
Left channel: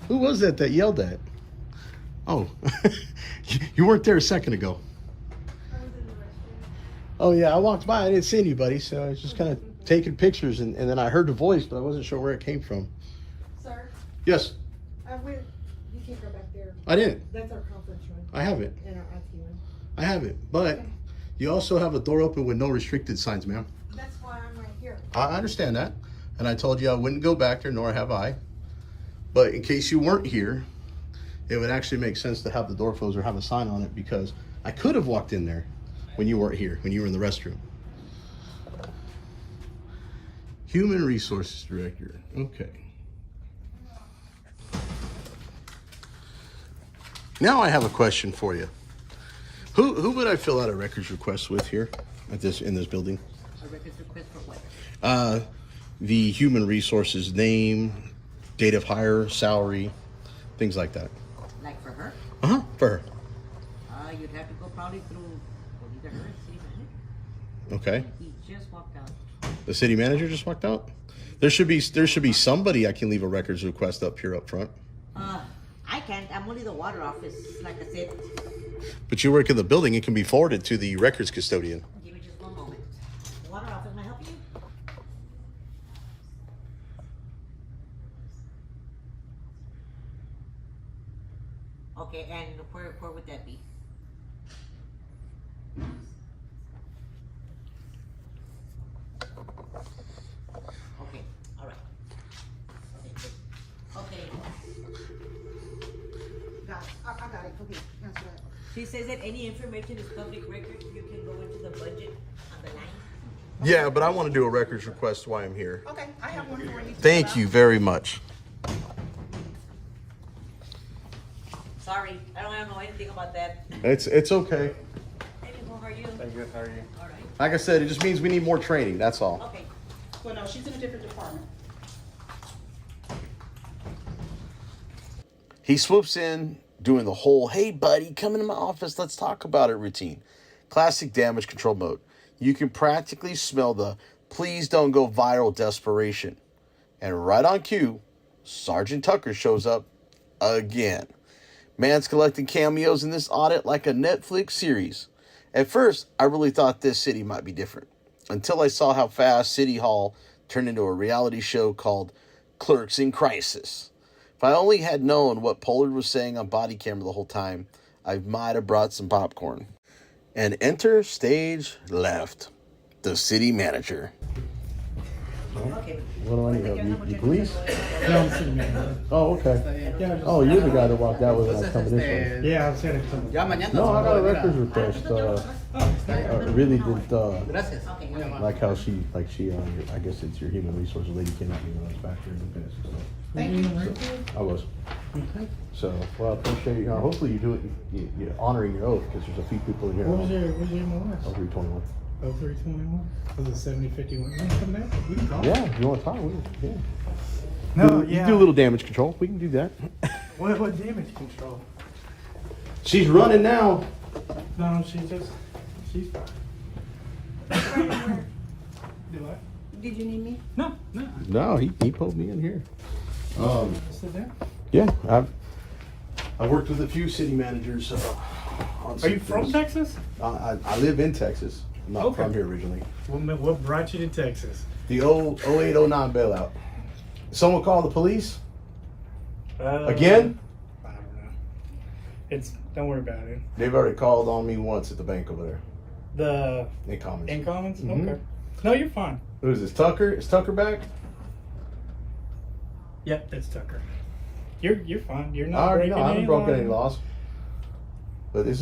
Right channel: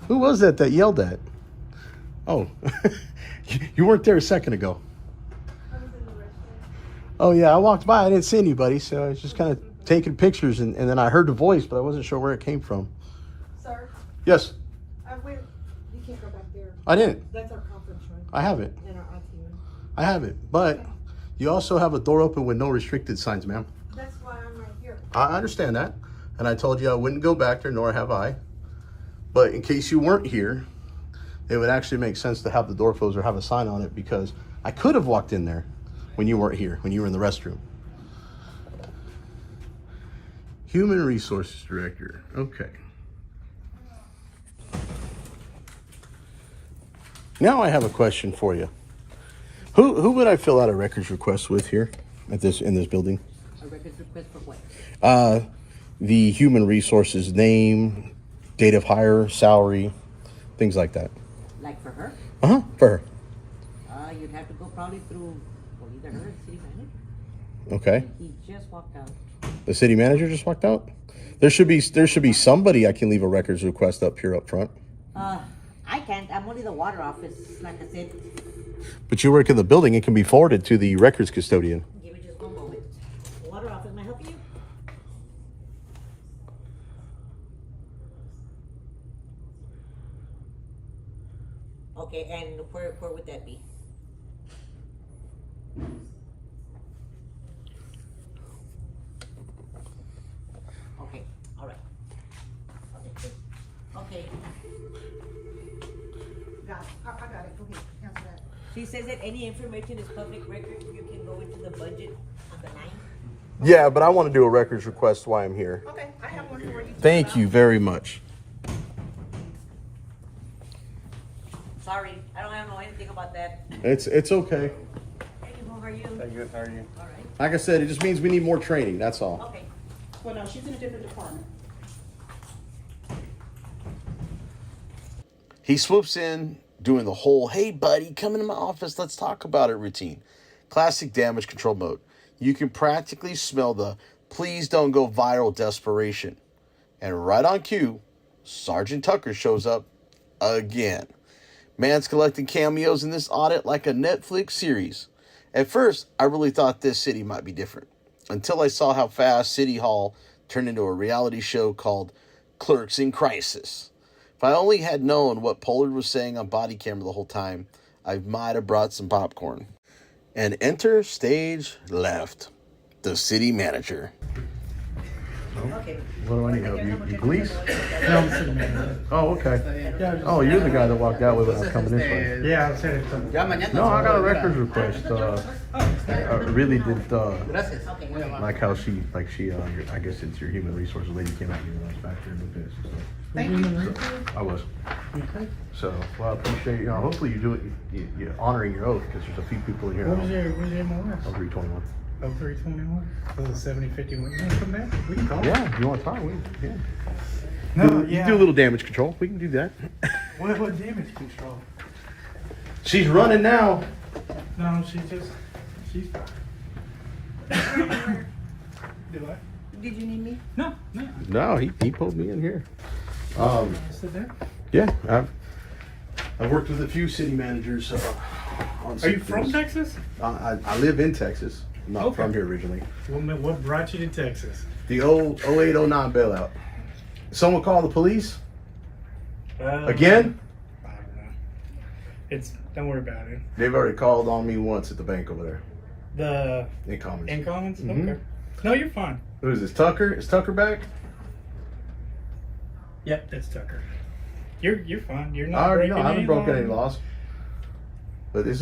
Who was that yelled at? Oh, you weren't there a second ago. Oh, yeah, I walked by. I didn't see anybody, so I was just kind of taking pictures, and then I heard the voice, but I wasn't sure where it came from. Sir? Yes? You can't go back there. I didn't. That's our conference room. I have it. And our IT room. I have it, but you also have a door open with no restricted signs, ma'am. That's why I'm right here. I understand that, and I told you I wouldn't go back there, nor have I. But in case you weren't here, it would actually make sense to have the door closed or have a sign on it, because I could have walked in there when you weren't here, when you were in the restroom. Human Resources Director, okay. Now I have a question for you. Who would I fill out a records request with here in this building? A records request for what? The human resources name, date of hire, salary, things like that. Like for her? Uh-huh, for her. You'd have to go probably through either her or the city manager. Okay. He just walked out. The city manager just walked out? There should be somebody I can leave a records request up here up front. I can't. I'm only the water office, like I said. But you work in the building, it can be forwarded to the records custodian. Give me just one moment. Water office, may I help you? Okay, and where would that be? Okay, all right. Okay. I got it. Okay, answer that. She says that any information is public record. You can go into the budget on the 9th. Yeah, but I want to do a records request while I'm here. Okay, I have one for you. Thank you very much. Sorry, I don't know anything about that. It's okay. Hey, who are you? Hey, good. How are you? All right. Like I said, it just means we need more training, that's all. Okay. Well, no, she's in a different department. He swoops in, doing the whole, hey buddy, come into my office, let's talk about it routine. Classic damage control mode. You can practically smell the please don't go viral desperation. And right on cue, Sergeant Tucker shows up again. Man's collecting cameos in this audit like a Netflix series. At first, I really thought this city might be different, until I saw how fast City Hall turned into a reality show called Clerks in Crisis. If I only had known what Pollard was saying on body camera the whole time, I might have brought some popcorn. And enter stage left, the city manager. Okay. What do I need help? You police? No, I'm sitting there. Oh, okay. Oh, you're the guy that walked out with it when I was coming this way. Yeah, I was headed to. No, I got a records request. I really did like how she I guess it's your human resources lady came at me when I was back there in the past. So. Thank you. I was. Okay. So, well, I appreciate you. Hopefully you do it, you're honoring your oath, because there's a few people here. What was your MOS? 321. Oh, 321? Was it 7051? You want to come back? We can call. Yeah, if you want to talk, yeah. No, You yeah. do a little damage control. We can do that. What damage control? She's running now. No, she's Do I? Did you need me? No. No, he pulled me in here. Sit there. Yeah, I've worked with a few city managers. On Are you some from things. Texas? I live in Texas. I'm not from here originally. What brought you to Texas? The old 08-09 bailout. Someone call the police? Again? I don't know. Don't worry about it. They've already called on me once at the bank over there. The InCommons. InCommons? Mhm. Okay. No, you're fine. Who is this? Tucker? Is Tucker back? Yep, that's Tucker. You're fine. You're I not already breaking know. I haven't any broken any laws. laws. But this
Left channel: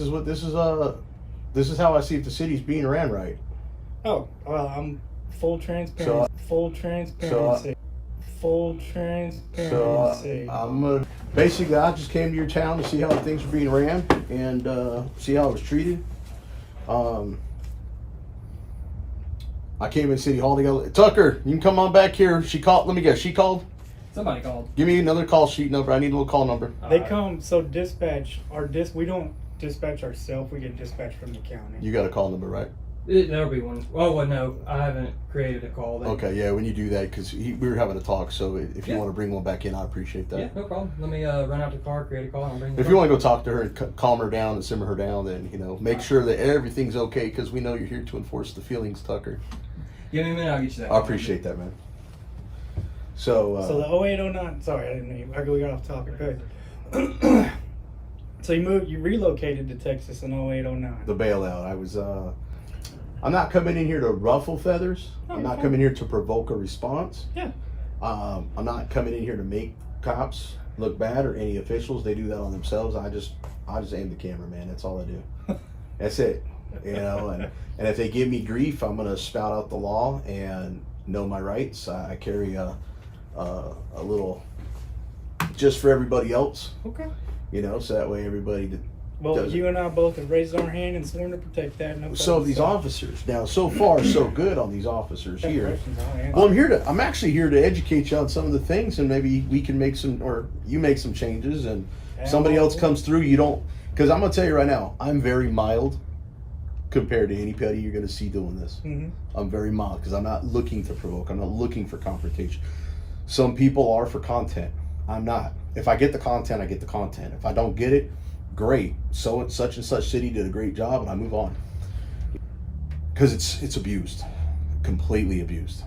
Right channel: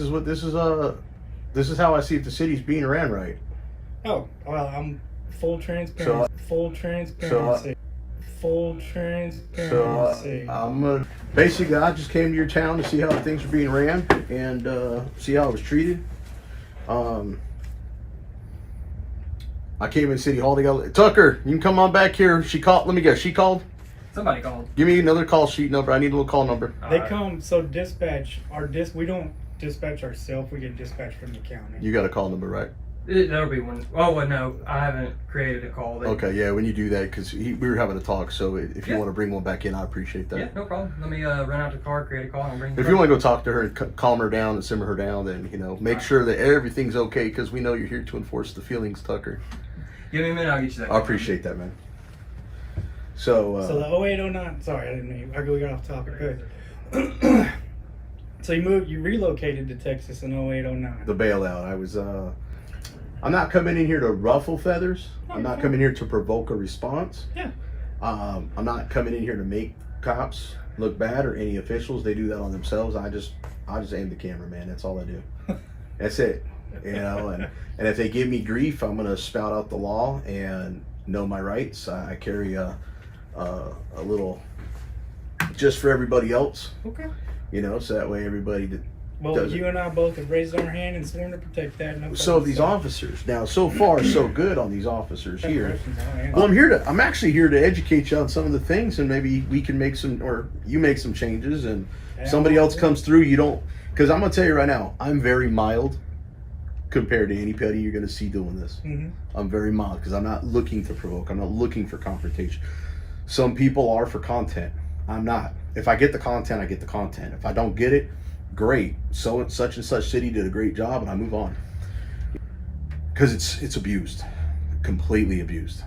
is how I see if the city's being ran right. Oh, well, I'm full transparency. Full transparency. Full transparency. So basically, I just came to your town to see how things were being ran and see how it was treated. I came in City Hall to go. Tucker, you can come on back here. She called. Let me guess. She called. Somebody called. Give me another call sheet number. I need a little call number. They come, so dispatch, we don't dispatch ourselves, we get dispatched from the county. You got a call number, right? That'll be one. Oh, well, no, I haven't created a call. Okay, yeah, when you do that, because we were having a talk, so if you want to bring one back in, I appreciate that. Yeah, no problem. Let me run out the car, create a call, and bring. If you want to go talk to her and calm her down and simmer her down, then make sure that everything's okay, because we know you're here to enforce the feelings, Tucker. Give me a minute, I'll get you that. I appreciate that, man. So the 0809, sorry, I didn't mean, we got off topic. Good. So you relocated to Texas in 0809. The bailout. I was I'm not coming in here to ruffle feathers. I'm not coming here to provoke a response. Yeah. I'm not coming in here to make cops look bad or any officials. They do that on themselves. I just aim the camera, man. That's all I do. That's it. And if they give me grief, I'm gonna spout out the law and know my rights. I carry a little just for everybody else. Okay. So that way everybody Well, you and I both have raised our hand and sworn to protect that. No so these officers, now so far so good on these officers here. Well, I'm actually here to educate you on some of the things, and maybe we can make some, or you make some changes, and somebody else comes through. You don't, because I'm gonna tell you right now, I'm very mild compared to anybody you're gonna see doing this. Mm-hmm. I'm very mild because I'm not looking to provoke. I'm not looking for confrontation. Some people are for content. I'm not. If I get the content, I get the content. If I don't get it, great. So such and such city did a great job, and I move on. Because it's abused, completely abused.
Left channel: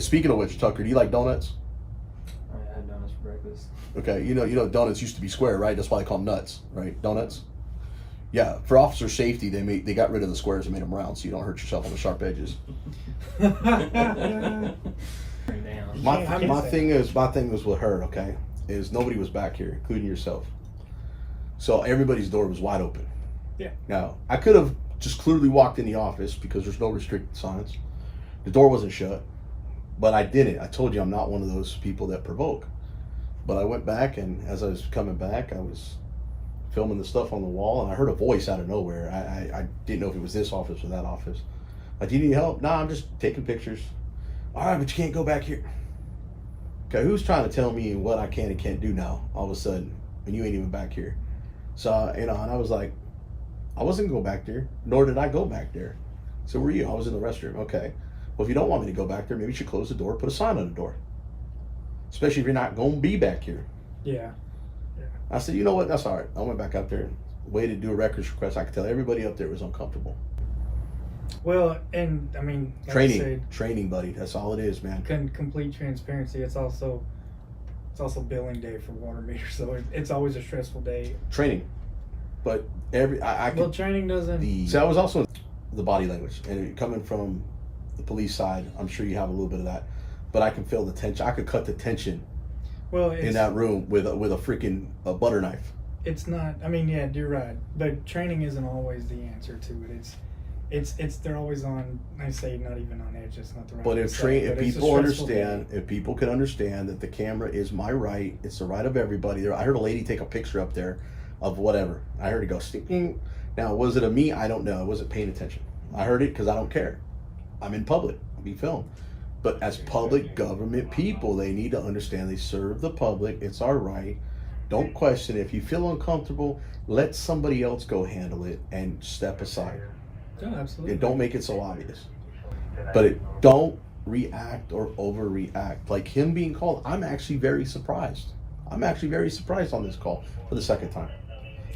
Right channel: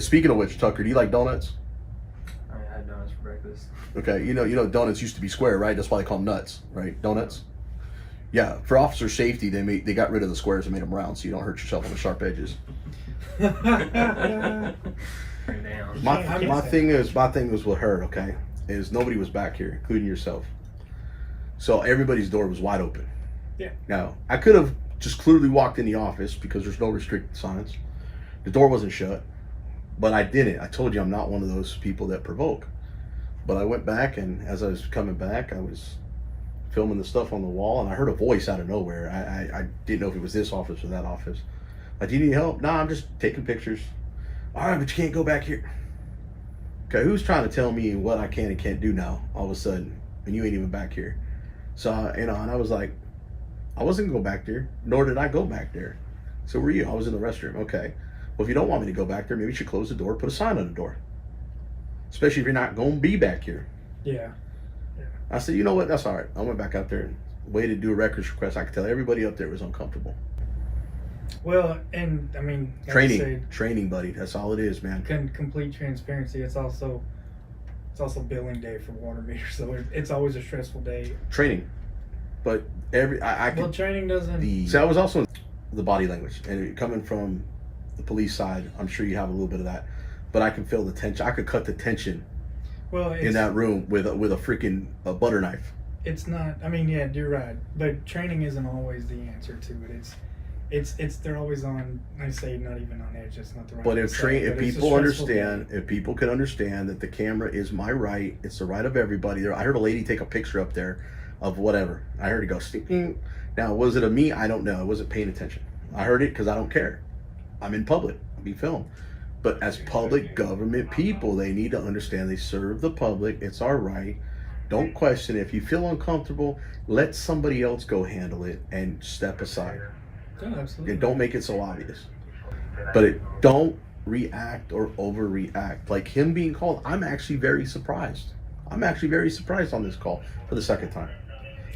Speaking of which, Tucker, do you like donuts? I had donuts for breakfast. Okay, you know donuts used to be square, right? That's why they call them nuts, right? Donuts. Yeah, for officer safety, they got rid of the squares and made them round, so you don't hurt yourself on the sharp edges. My thing was with her, okay, is nobody was back here, including yourself. So everybody's door was wide open. Yeah. Now, I could have just clearly walked in the office because there's no restricted signs. The door wasn't shut, but I didn't. I told you I'm not one of those people that provoke. But I went back, and as I was coming back, I was filming the stuff on the wall, and I heard a voice out of nowhere. I didn't know if it was this office or that office. Like, do you need help? No, I'm just taking pictures. All right, but you can't go back here. Okay, who's trying to tell me what I can and can't do now, all of a sudden, and you ain't even back here? So, and I was like, I wasn't going to go back there, nor did I go back there. So where were you? I was in the restroom. Okay. Well, if you don't want me to go back there, maybe you should close the door, put a sign on the door. Especially if you're not going to be back here. Yeah. I said, you know what? That's all right. I went back out there and waited to do a records request. I could tell everybody up there was uncomfortable. Well, and I mean, like training, buddy. That's all it is, man. Complete transparency. It's also billing day for water meters, so it's always a stressful day. Training, but training doesn't. See, I was also in the body language, and coming from the police side, I'm sure you have a little bit of that, but I can feel the tension. I could cut the tension. Well, in that room with a freaking butter knife. It's not. I mean, yeah, you're right, but training isn't always the answer to it. It's they're always on. I say not even on edge. It's not the right. But if people can understand that the camera is my right, it's the right of everybody. I heard a lady take a picture up there of whatever. I heard it go stinking. Now, was it a me? I don't know. I wasn't paying attention. I heard it because I don't care. I'm in public. I'm being filmed. But as public government people, they need to understand they serve the public. It's our right. Don't question it. If you feel uncomfortable, let somebody else go handle it and step aside. Oh, absolutely. And don't make it so obvious. But don't react or overreact. Like him being called, I'm actually very surprised. I'm actually very surprised on this call for the second time.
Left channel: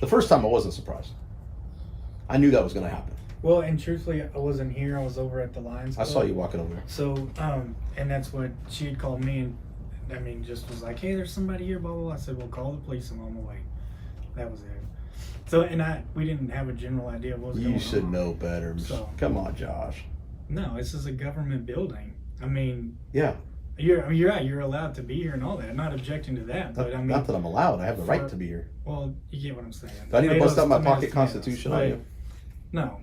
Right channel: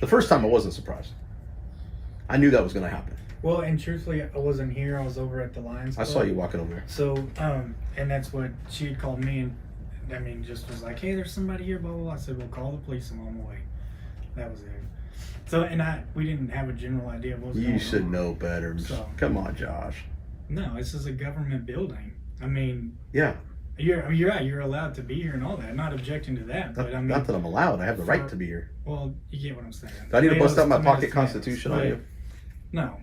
The first time I wasn't surprised. I knew that was going to happen. Well, and truthfully, I wasn't here. I was over at the Lions Club. I saw you walking over. So, and that's what she had called me, and I mean, just was like, hey, there's somebody here, blah, blah, blah. I said, well, call the police. I'm on my way. That was it. So, and we didn't have a general idea of what was going on. You should know better. So, come on, Josh. No, this is a government building. I mean, yeah. You're right. You're allowed to be here and all that. I'm not objecting to that, but I mean, not that I'm allowed. I have the right to be here. Well, you get what I'm saying. Do I need to bust out my pocket constitution on you? No,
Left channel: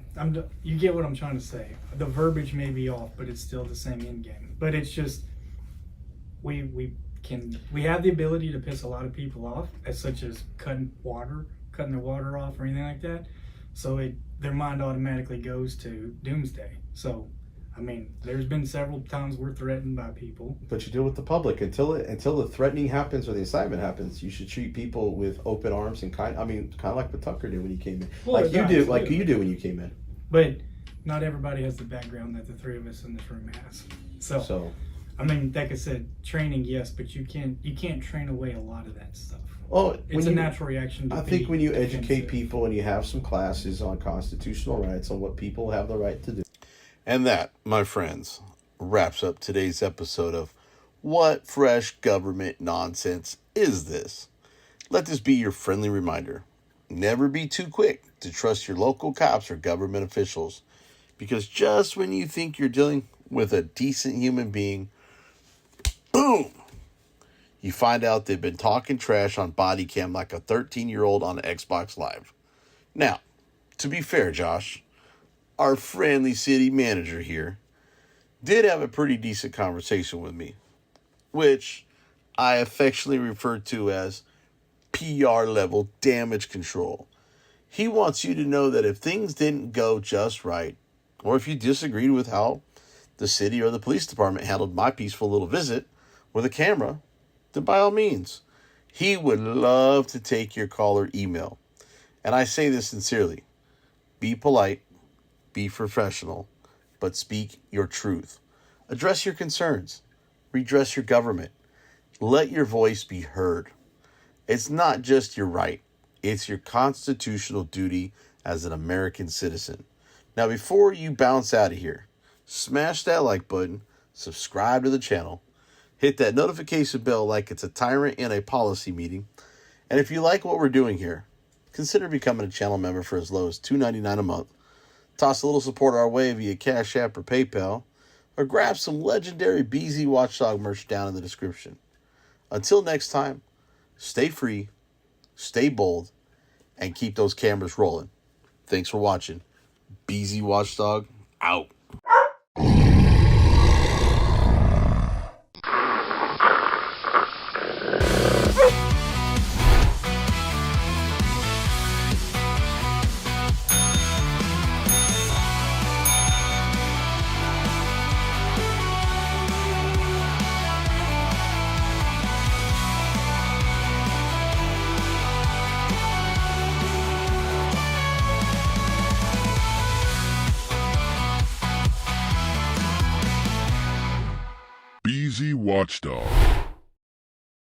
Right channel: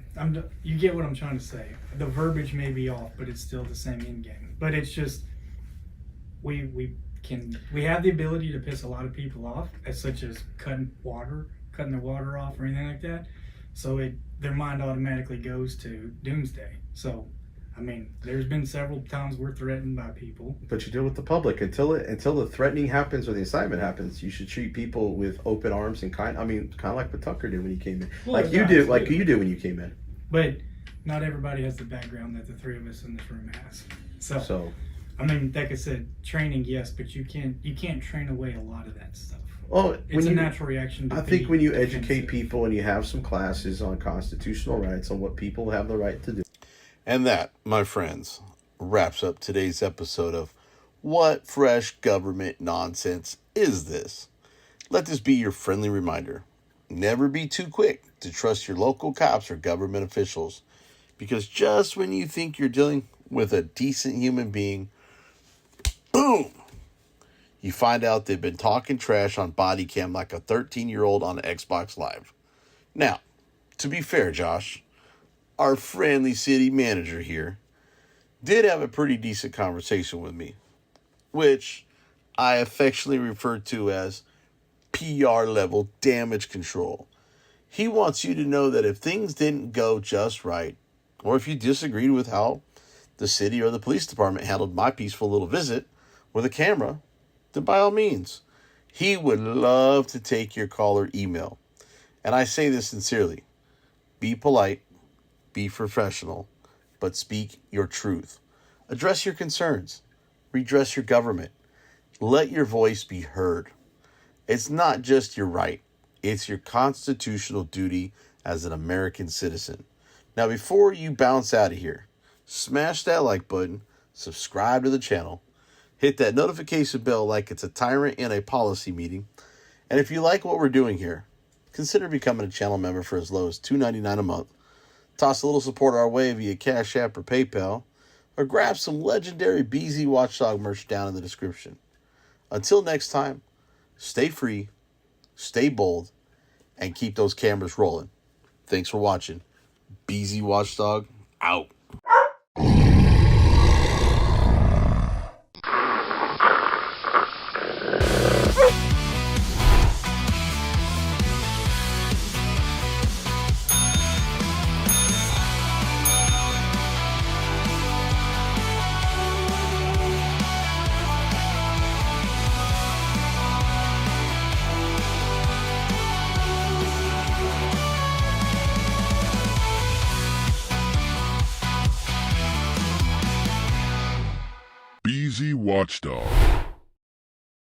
you get what I'm trying to say. The verbiage may be off, but it's still the same end game. But it's just, we have the ability to piss a lot of people off, as such as cutting their water off or anything like that. So their mind automatically goes to doomsday. So, I mean, there's been several times we're threatened by people. But you deal with the public until the threatening happens or the incitement happens. You should treat people with open arms and kind of like what Tucker did when he came in, Well, like you did when you came in. But not everybody has the background that the three of us in this room has. So I mean, like I said, training, yes, but you can't train away a lot of that stuff. Well, it's a natural reaction. I think when you educate people and you have some classes on constitutional rights, on what people have the right to do. And that, my friends, wraps up today's episode of What Fresh Government Nonsense Is This? Let this be your friendly reminder. Never be too quick to trust your local cops or government officials, because just when you think you're dealing with a decent human being, boom! You find out they've been talking trash on body cam like a 13-year-old on Xbox Live. Now, to be fair, Josh, our friendly city manager here did have a pretty decent conversation with me, which I affectionately refer to as PR level damage control. He wants you to know that if things didn't go just right, or if you disagreed with how the city or the police department handled my peaceful little visit with a camera, then by all means, he would love to take your call or email. And I say this sincerely. Be polite, be professional, but speak your truth. Address your concerns. Redress your government. Let your voice be heard. It's not just your right. It's your constitutional duty as an American citizen. Now, before you bounce out of here, smash that like button, subscribe to the channel, hit that notification bell like it's a tyrant in a policy meeting, and if you like what we're doing here, consider becoming a channel member for as low as $2.99 a month. Toss a little support our way via Cash App or PayPal, or grab some legendary BZ Watchdog merch down in the description. Until next time, stay free, stay bold, and keep those cameras rolling. Thanks for watching. BZ Watchdog, out. BZ Watchdog.